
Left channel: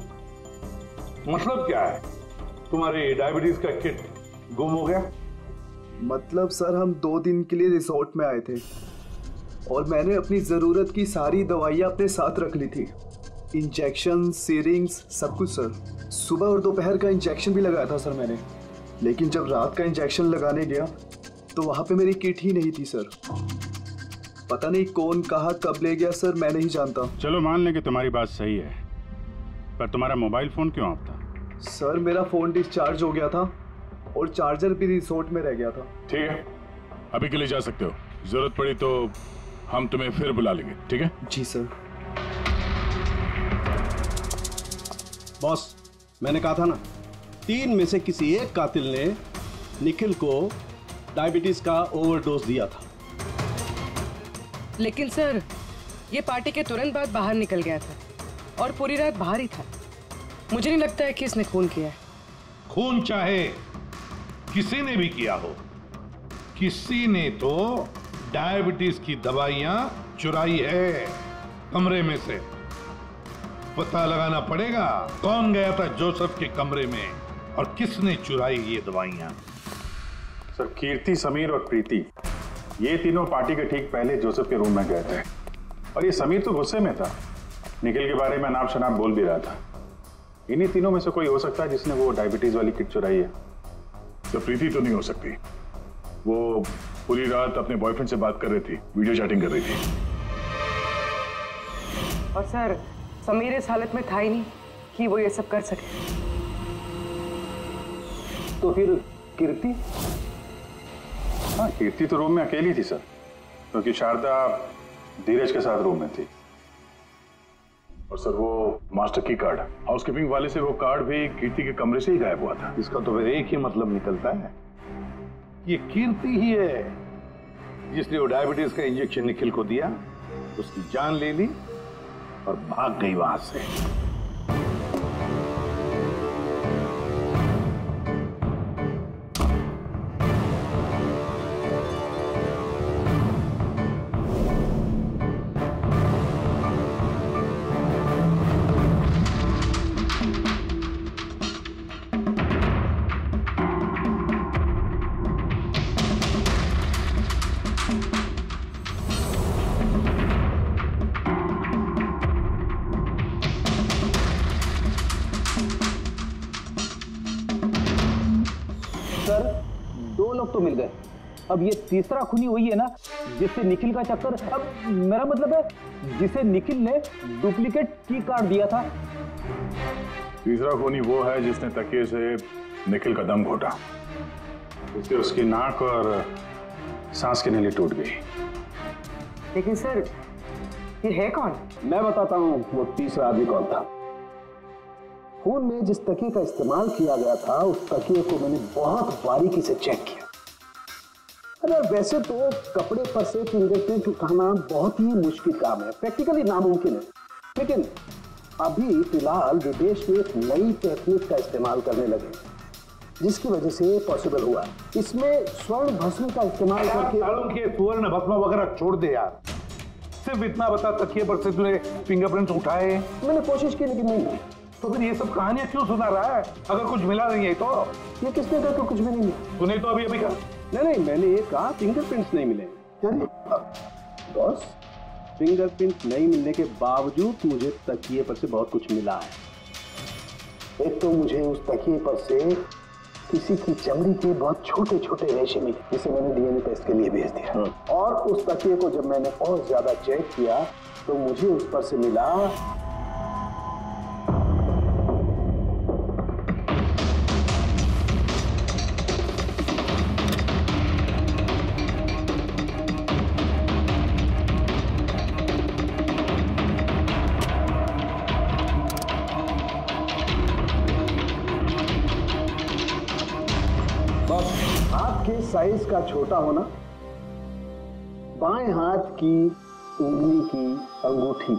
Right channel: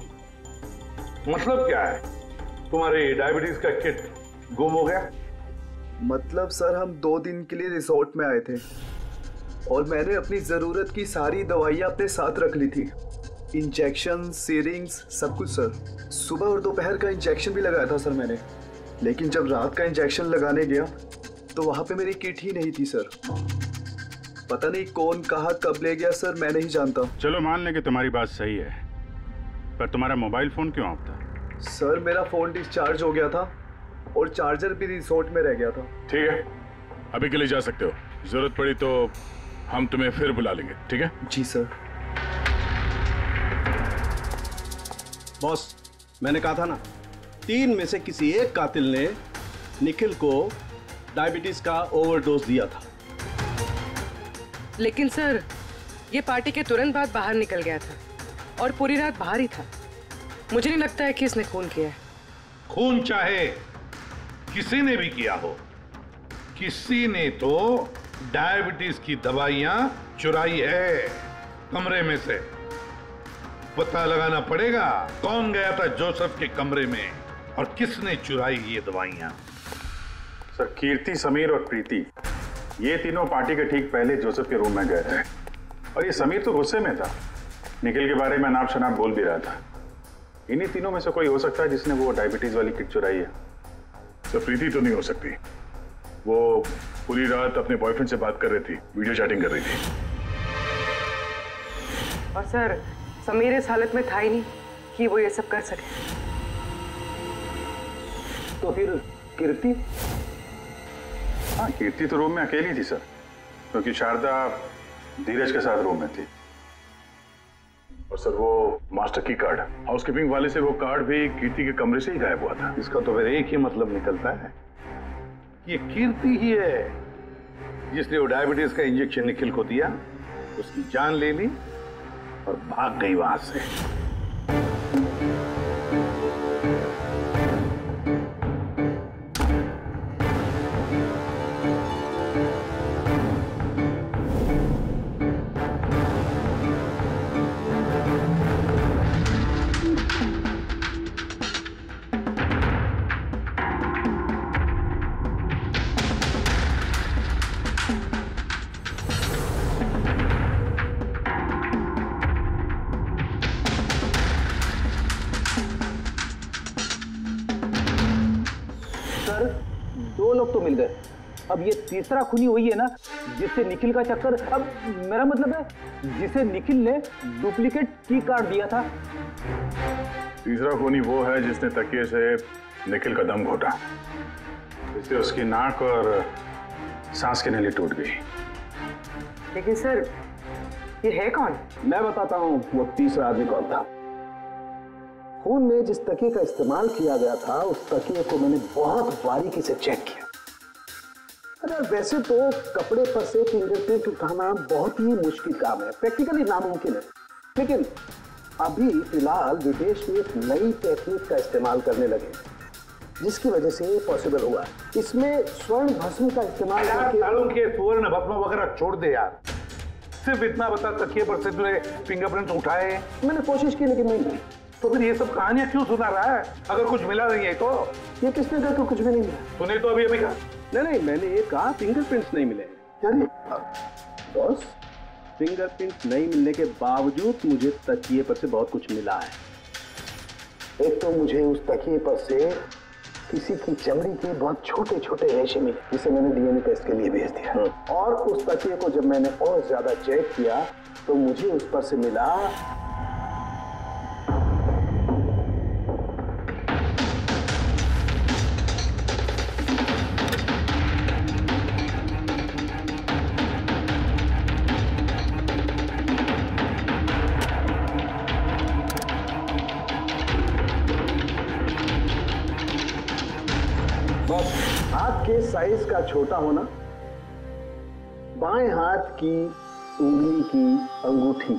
मतलब क्या है? तुम्हारी डायबिटीज का किट गुम हो गया? मतलब सर हम 2 दिन के लिए रिसोर्ट में आए थे और मैंने अपनी जरूरत की सारी दवाइयाँ अपने साथ रख ली थी, इंजेक्शन, सीरिंग्स, सब कुछ सर। सुबह और दोपहर का इंजेक्शन भी लगाया था सर मैंने, लेकिन जब रात का इंजेक्शन लगाने गया तो वहां पे मेरी किट ही नहीं थी सर। पता नहीं कौन कहाँ कब ले गया सर, मैं नहीं जानता। चलो मान लें कि तुम्हारी बात सही है, पर तुम्हारा मोबाइल फोन क्यों ऑफ था? सर मेरा फोन डिस्चार्ज हो गया था और चार्जर भी रिसोर्ट में रह गया था। ठीक है, अभी के लिए जा सकते हो। जरूरत पड़ी तो हम तुम्हें फिर बुला लेंगे, ठीक है? जी सर। बॉस, मैंने कहा था ना, 3 में से किसी एक कातिल ने निखिल को डायबिटीज का ओवरडोज दिया था। लेकिन सर, ये पार्टी के तुरंत बाद बाहर निकल गया था और पूरी रात बाहर ही था। मुझे नहीं लगता है कि इसने खून किया है। खून चाहे किसी ने भी किया हो, किसी ने तो डायबिटीज की दवाइयां चुराई है कमरे में से। पता लगाना पड़ेगा कौन गया था जोसेफ के कमरे में और किसने चुराई ये दवाइयां। सर, कीर्ति, समीर और प्रीति, ये तीनों पार्टी के ठीक पहले जोसेफ के रूम में गए थे और ये समीर तो गुस्से में था, निखिल के बारे में अनाप शनाप बोल भी रहा था। इन्हीं तीनों में से कोई हो सकता है जिसने वो डायबिटीज वाली किट चुराई है। तो प्रीति तो नहीं हो सकती, वो पूरी रात अपने बॉयफ्रेंड से बात कर रही थी, वीडियो चैटिंग कर रही थी। और सर, समीर इस हालत में था ही नहीं कि वो ये सब कर सके। तो फिर कीर्ति? हाँ, कीर्ति तो रूम में अकेली थी सर, क्योंकि शारदा धीरज के साथ रूम में थी। और सर, वो मास्टर की कार्ड, हाउसकीपिंग वाले से वो कार्ड भी कीर्ति के कमरे से ही गायब हुआ था। इसका तो फिर एक ही मतलब निकलता है, ये कीर्ति ही है जिसने वो डायबिटीज का इंजेक्शन निखिल को दिया, उसकी जान ले ली और भाग गई वहां से। सर, 2 लोग तो मिल गए, अब ये तीसरा खूनी वही है ना जिससे निखिल का चक्कर। अब मेरा मतलब है जिसे निखिल ने डुप्लीकेट की कार्ड दिया था। तीसरा खूनी वो है जिसने तकिए से निखिल का दम घोटा, इससे उसकी नाक और सांस की नली टूट गई। लेकिन सर, ये है कौन? मैं बताता हूं वो तीसरा आदमी कौन था। खून में जिस तकिए का इस्तेमाल किया गया था, उस तकिए को मैंने बहुत बारीकी से चेक किया। अरे वैसे तो कपड़े पर से फिंगरप्रिंट उठाना बहुत ही मुश्किल काम है, प्रैक्टिकली नामुमकिन है, लेकिन अभी फिलहाल विदेश में एक नई टेक्निक का इस्तेमाल करने लगे जिसकी वजह से पॉसिबल हुआ है। इसमें स्वर्ण भस्म का इस्तेमाल करके। स्वर्ण भस्म वगैरह छोड़ दे यार, सिर्फ इतना बता, तकिए पर से तूने फिंगरप्रिंट्स उठाए? मैंने कोशिश की लेकिन नहीं। तो फिर ये सब कहानियां क्यों सुना रहा है अगर कुछ मिला नहीं है? तो ये किसने कहा कि कुछ भी नहीं मिला? तूने तो अभी कहा। नहीं, मैंने ये कहा फिंगरप्रिंट्स नहीं मिले। यानी बॉस, फिंगरप्रिंट नहीं मिलने के बावजूद मुझे तकिए पर से बहुत कुछ मिला है। एक तो मुझे उस तकिए पर से किसी की चमड़ी के बहुत छोटे छोटे रेशे मिले, जिसे मैंने डीएनए टेस्ट के लिए भेज दिया। और उस तकिए को जब मैंने और ज्यादा चेक किया तो मुझे उस पर से मिला हाथ के साइज का छोटा होना, बाएं हाथ की उंगली की अंगूठी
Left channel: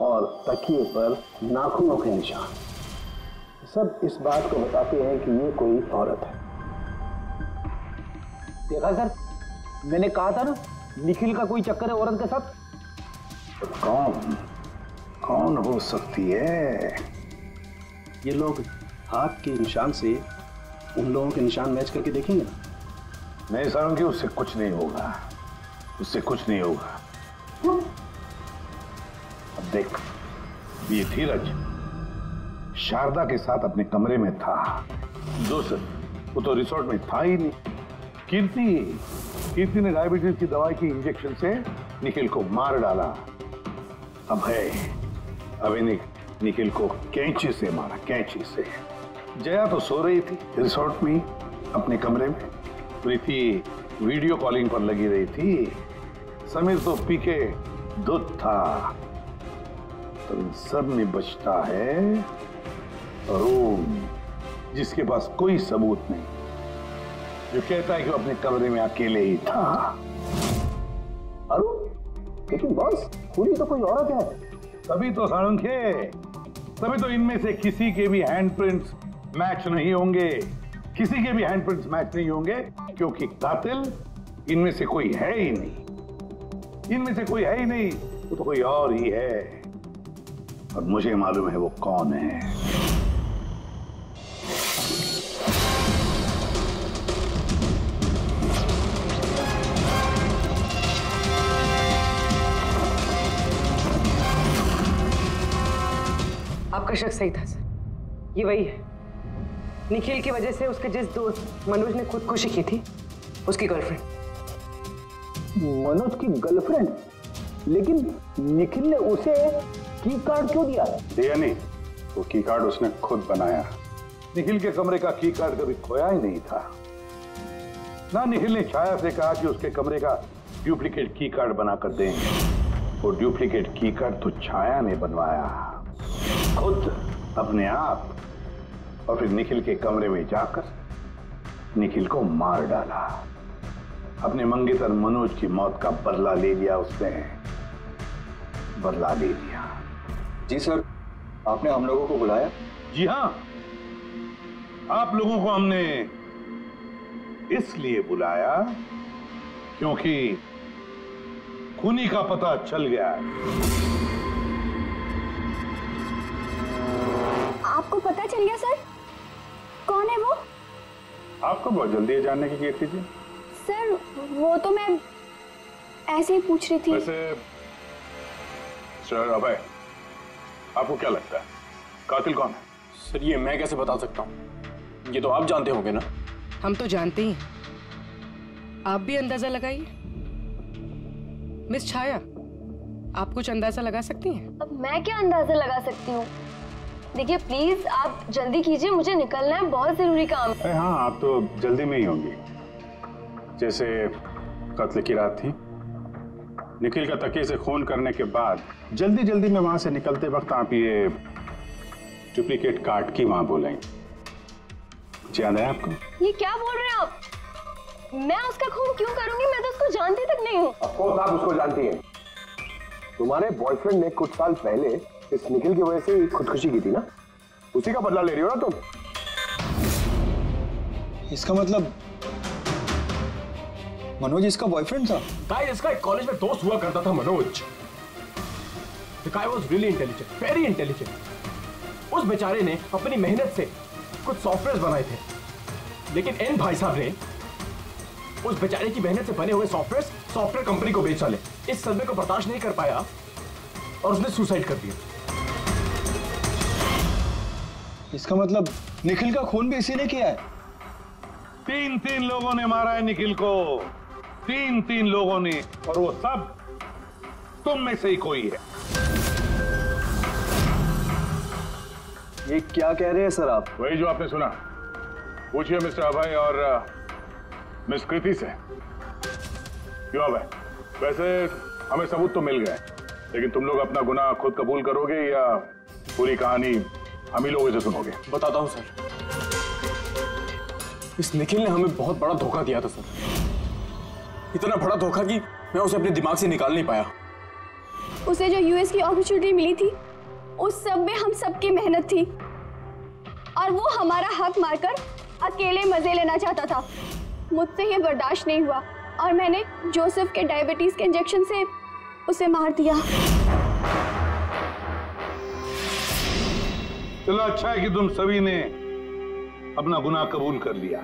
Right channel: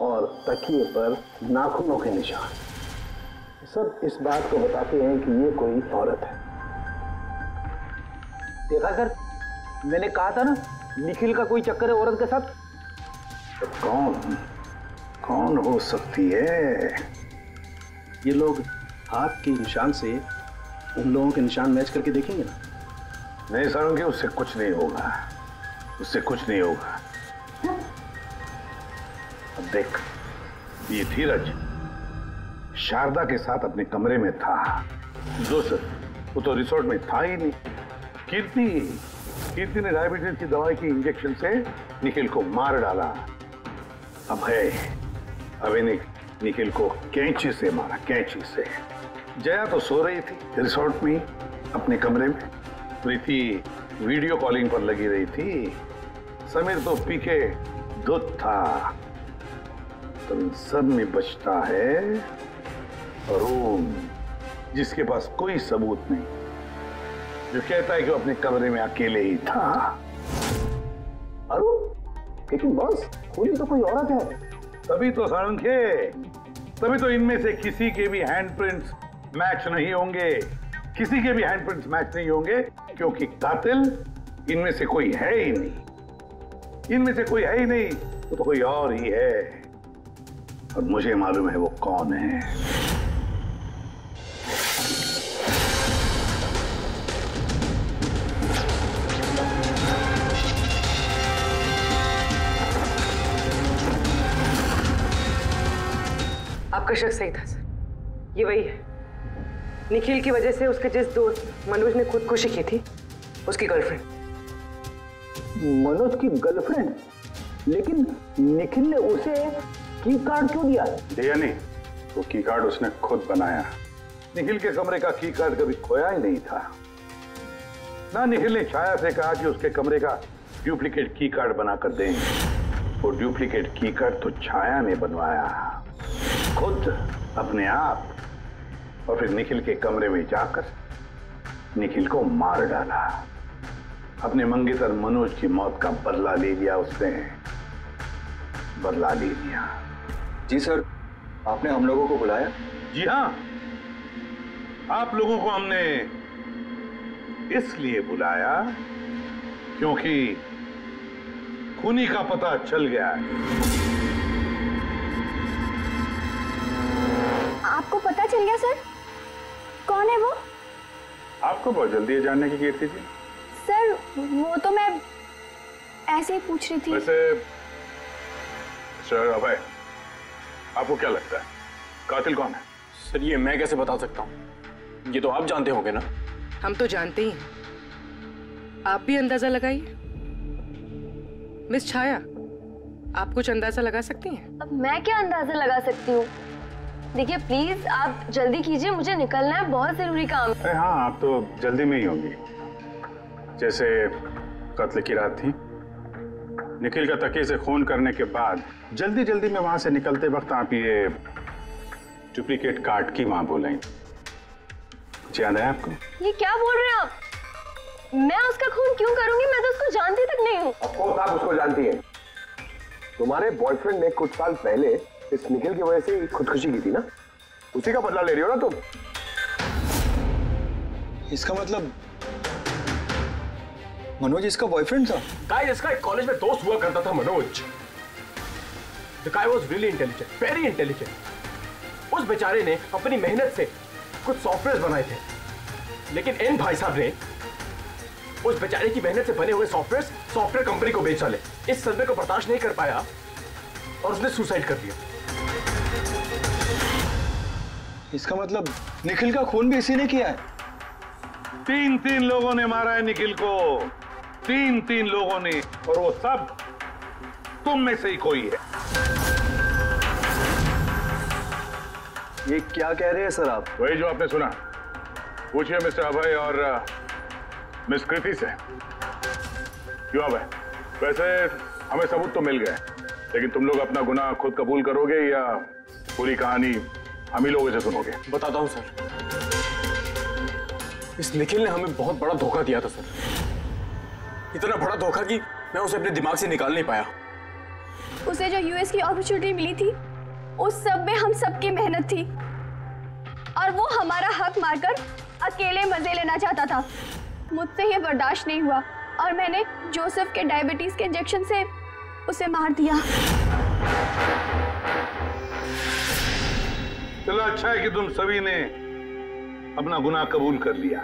और तकिए पर नाखूनों के निशान, सब इस बात को बताते हैं कि ये कोई औरत है। देखा सर, मैंने कहा था ना निखिल का कोई चक्कर है औरत के साथ। तो कौन हो सकती है? ये लोग हाथ के निशान से उन लोगों के निशान मैच करके देखेंगे ना। नहीं सारंगी, उससे कुछ नहीं होगा, उससे कुछ नहीं होगा। अब देख, ये धीरज शारदा के साथ अपने कमरे में था। जोसेफ वो तो रिसोर्ट में था ही नहीं। कीर्ति ने डायबिटीज की दवाई की इंजेक्शन से निखिल को मार डाला। अब इन्हें निखिल को कैंची से मारा, कैंची से। जया तो सो रही थी रिसोर्ट में अपने कमरे में। प्रीति वीडियो कॉलिंग पर लगी रही थी। समीर तो पी के दूध था। तो इन सब में बचता है अरुण, जिसके पास कोई सबूत नहीं, जो कहता है कि वो अपने कमरे में अकेले ही था। अरुण, लेकिन बॉस खूनी तो कोई औरत है। तभी तो सारंखे, तभी तो इनमें से किसी के भी हैंडप्रिंट्स मैच नहीं होंगे। किसी के भी हैंडप्रिंट्स मैच नहीं होंगे, क्योंकि कातिल इनमें से कोई है ही नहीं। इनमें से कोई है ही नहीं, वो तो कोई और ही है। और मुझे मालूम है वो कौन है। आपका शक सही था सर, ये वही है। निखिल की वजह से उसके जिस दोस्त मनोज ने खुदकुशी की थी, उसकी गर्लफ्रेंड। मनोज की गर्लफ्रेंड? लेकिन निखिल ने उसे की कार्ड क्यों दिया? दिया नहीं, वो की कार्ड उसने खुद बनाया। निखिल के कमरे का की कार्ड कभी खोया ही नहीं था ना। निखिल ने छाया से कहा कि उसके कमरे का डुप्लीकेट की कार्ड बनाकर देंगे। वो डुप्लीकेट की कार्ड तो छाया ने बनवाया खुद, अपने आप। और फिर निखिल के कमरे में जाकर निखिल को मार डाला। अपने मंगेतर मनोज की मौत का बदला ले लिया उसने, बदला ले लिया। जी सर, आपने हम लोगों को बुलाया? जी हाँ, आप लोगों को हमने इसलिए बुलाया क्योंकि खूनी का पता चल गया है। आपको पता चल गया सर? कौन है वो? आपको बहुत जल्दी है जानने की कीर्ति जी। सर वो तो मैं ऐसे ही पूछ रही थी। वैसे सर अभय, आपको क्या लगता है कातिल कौन है? सर ये मैं कैसे बता सकता हूँ, ये तो आप जानते होंगे ना। हम तो जानते ही हैं, आप भी अंदाजा लगाइए। मिस छाया, आप कुछ अंदाजा लगा सकती हैं? अब मैं क्या अंदाजा लगा सकती हूँ? देखिए प्लीज आप जल्दी कीजिए, मुझे निकलना है, बहुत जरूरी काम है। हाँ, आप तो जल्दी में ही होंगी। जैसे कत्ल की रात थी, निखिल का तकिए से खून करने के बाद जल्दी जल्दी में वहां से निकलते वक्त आप ये डुप्लीकेट कार्ड की वहां बोले, याद है आपको? ये क्या बोल रहे हैं आप? मैं उसका खून क्यों करूंगी? मैं तो उसको जानती तक नहीं हूँ। अफकोर्स आप उसको जानती हैं। तुम्हारे बॉयफ्रेंड ने कुछ साल पहले इस निखिल की वजह से खुदकुशी की थी ना, उसी का बदला ले रही हो ना तुम। इसका मतलब मनोज इसका बॉयफ्रेंड था? गाइस, इसका एक कॉलेज में दोस्त हुआ करता था Manoj. The guy was really intelligent, very intelligent। उस बेचारे ने अपनी मेहनत से कुछ सॉफ्टवेयर बनाए थे, लेकिन एन भाई साहब ने उस बेचारे की मेहनत से बने हुए सॉफ्टवेयर कंपनी को बेच डाले। इस सदमे को बर्दाश्त नहीं कर पाया और उसने सुसाइड कर दिया। इसका मतलब निखिल का खून भी इसी ने किया है? तीन लोगों ने मारा है निखिल को, तीन लोगों ने, और वो सब तुम में से ही कोई है। ये क्या कह रहे हैं सर आप? वही जो आपने सुना। पूछिए मिस्टर अभय और मिस कृति से। क्यों अभय? वैसे हमें सबूत तो मिल गए, लेकिन तुम लोग अपना गुनाह खुद कबूल करोगे या पूरी कहानी हम ही लोगों से सुनोगे? बताता हूं सर। इस निखिल ने हमें बहुत बड़ा धोखा दिया था सर, इतना बड़ा धोखा कि मैं उसे अपने दिमाग से निकाल नहीं पाया। उसे जो यूएस की अपॉर्चुनिटी मिली थी, उस सब में हम सबकी मेहनत थी, और वो हमारा हक मारकर अकेले मजे लेना चाहता था। मुझसे ये बर्दाश्त नहीं हुआ और मैंने जोसेफ के डायबिटीज के इंजेक्शन से उसे मार दिया। चलो अच्छा है कि तुम सभी ने अपना गुनाह कबूल कर लिया।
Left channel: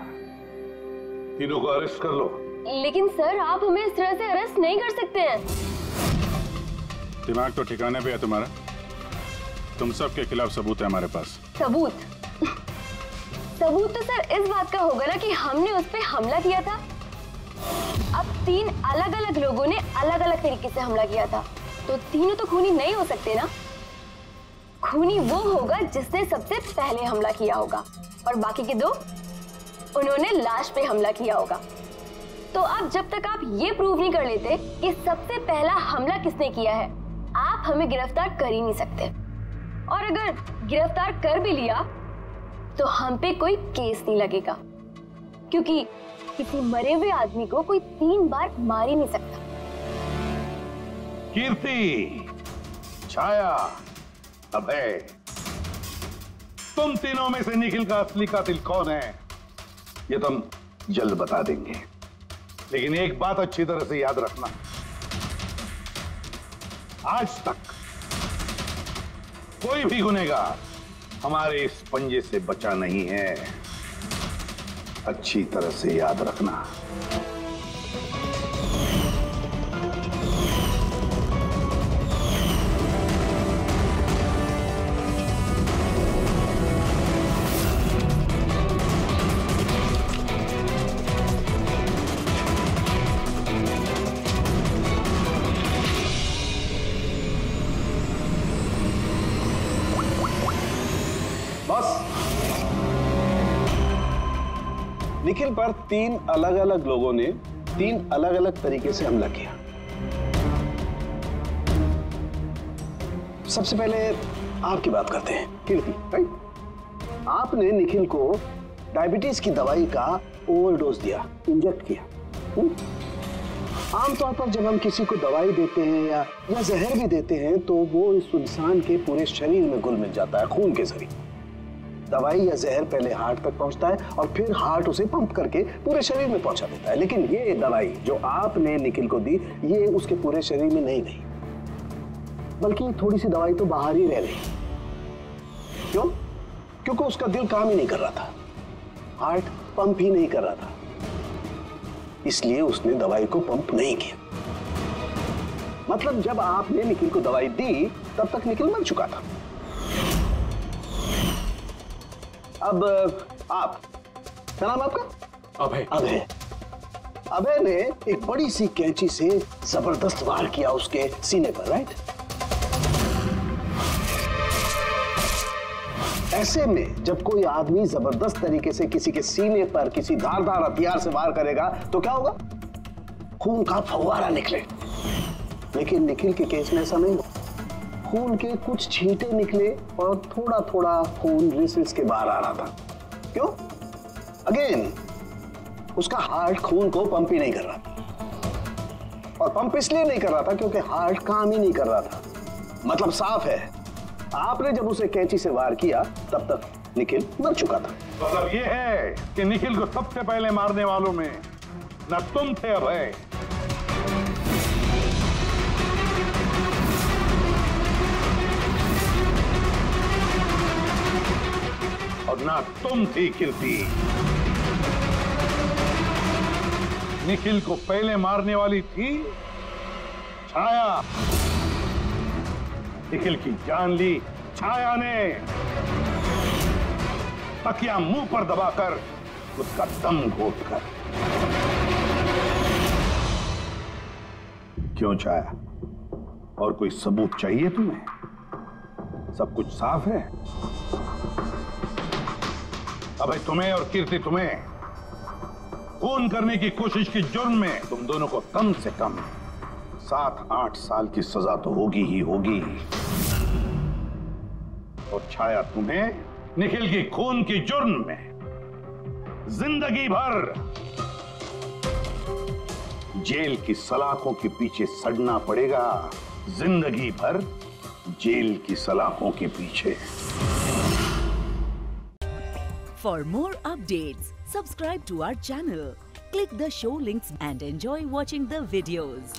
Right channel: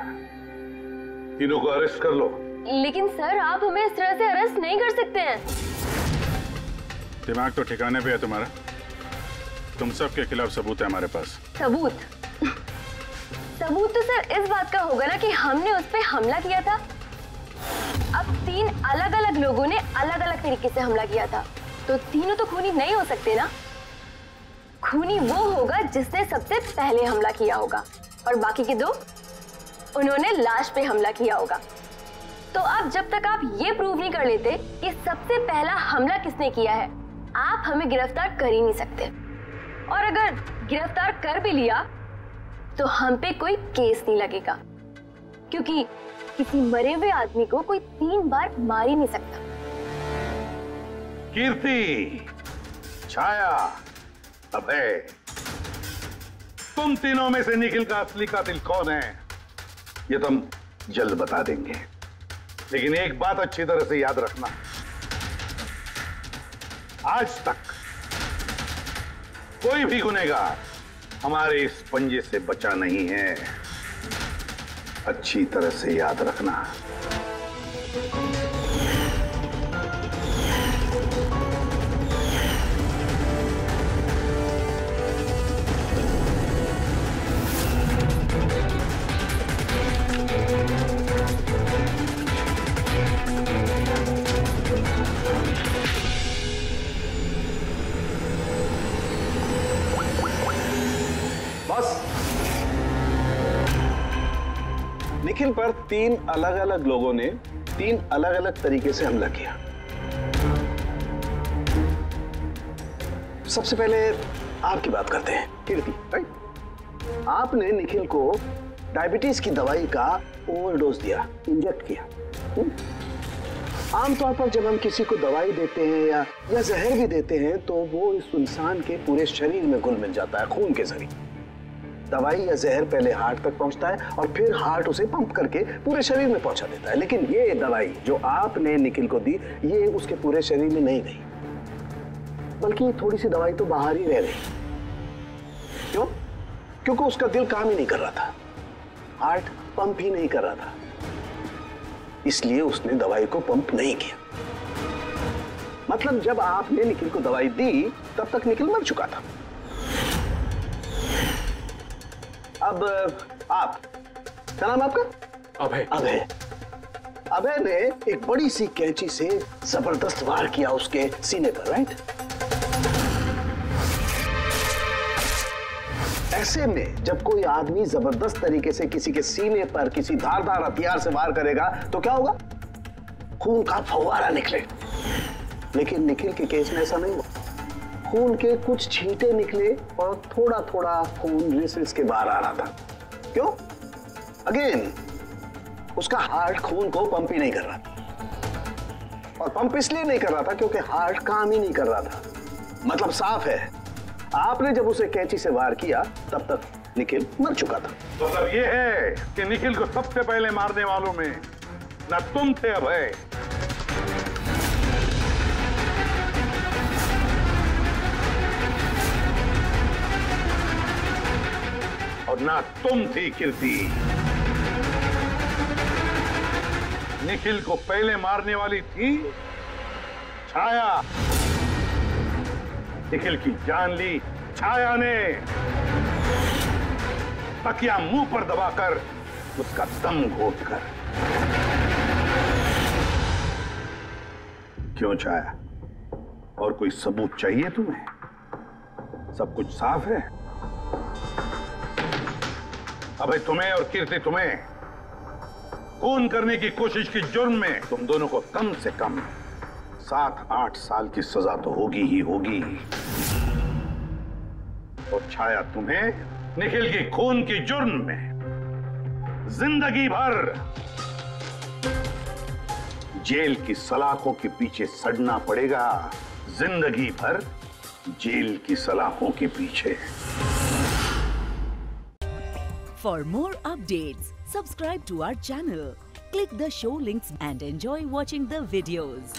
तीनों को अरेस्ट कर लो। लेकिन सर आप हमें इस तरह से अरेस्ट नहीं कर सकते हैं। दिमाग तो ठिकाने पे है तुम्हारा? तुम सब के खिलाफ सबूत है हमारे पास। सबूत? सबूत तो सर इस बात का होगा ना कि हमने उस पर हमला किया था। अब 3 अलग अलग लोगों ने अलग अलग तरीके से हमला किया था, तो तीनों तो खूनी नहीं हो सकते ना। खूनी वो होगा जिसने सबसे पहले हमला किया होगा, और बाकी के 2 उन्होंने लाश पे हमला किया होगा। तो अब जब तक आप ये प्रूव नहीं कर लेते कि सबसे पहला हमला किसने किया है, आप हमें गिरफ्तार कर ही नहीं सकते। और अगर गिरफ्तार कर भी लिया तो हम पे कोई केस नहीं लगेगा, क्योंकि किसी मरे हुए आदमी को कोई 3 बार मार ही नहीं सकता। कीर्ति, छाया, अभय, तुम तीनों में से निखिल का असली कातिल कौन है ये तो हम जल्द बता देंगे, लेकिन एक बात अच्छी तरह से याद रखना, आज तक कोई भी गुनहगार हमारे इस पंजे से बचा नहीं है। अच्छी तरह से याद रखना। बस निखिल पर 3 अलग अलग लोगों ने 3 अलग अलग तरीके से हमला किया। सबसे पहले आपकी बात करते हैं, कीर्ति, राइट? आपने निखिल को डायबिटीज की दवाई का ओवरडोज दिया, इंजेक्ट किया। आमतौर पर जब हम किसी को दवाई देते हैं या जहर भी देते हैं तो वो इस इंसान के पूरे शरीर में घुल मिल जाता है खून के जरिए। दवाई या जहर पहले हार्ट तक पहुंचता है और फिर हार्ट उसे पंप करके पूरे शरीर में पहुंचा देता है, लेकिन ये दवाई जो आपने निखिल को दी ये उसके पूरे शरीर में नहीं गई, बल्कि थोड़ी सी दवाई तो बाहर ही रह गई। क्यों? क्योंकि उसका दिल काम ही नहीं कर रहा था, हार्ट पंप ही नहीं कर रहा था, इसलिए उसने दवाई को पंप नहीं किया। मतलब जब आपने निखिल को दवाई दी तब तक निखिल मर चुका था। अब आप, क्या नाम आपका? अभय। अभय। अभय ने एक बड़ी सी कैंची से जबरदस्त वार किया उसके सीने पर, राइट? ऐसे में जब कोई आदमी जबरदस्त तरीके से किसी के सीने पर किसी धारदार हथियार से वार करेगा तो क्या होगा? खून का फव्वारा निकले। लेकिन निखिल के केस में ऐसा नहीं हुआ। खून के कुछ छींटे निकले और थोड़ा थोड़ा खून रिस के बाहर आ रहा था। क्यों? अगेन उसका हार्ट खून को पंप ही नहीं कर रहा था, और पंप इसलिए नहीं कर रहा था क्योंकि हार्ट काम ही नहीं कर रहा था। मतलब साफ है, आपने जब उसे कैंची से वार किया तब तक निखिल मर चुका था। मतलब ये है कि निखिल को सबसे पहले मारने वालों में न तुम थे अभय, और ना तुम थी कीर्ति। निखिल को पहले मारने वाली थी छाया। निखिल की जान ली छाया ने, तकिया मुंह पर दबाकर उसका दम घोटकर। क्यों छाया, और कोई सबूत चाहिए तुम्हें? सब कुछ साफ है। अबे तुम्हें और कीर्ति, तुम्हें खून करने की कोशिश की जुर्म में तुम दोनों को कम से कम 7-8 साल की सजा तो होगी ही होगी। और छाया, तुम्हें निखिल की खून की जुर्म में जिंदगी भर जेल की सलाखों के पीछे सड़ना पड़ेगा। जिंदगी भर जेल की सलाखों के पीछे। For more updates, subscribe to our channel, click the show links and enjoy watching the videos.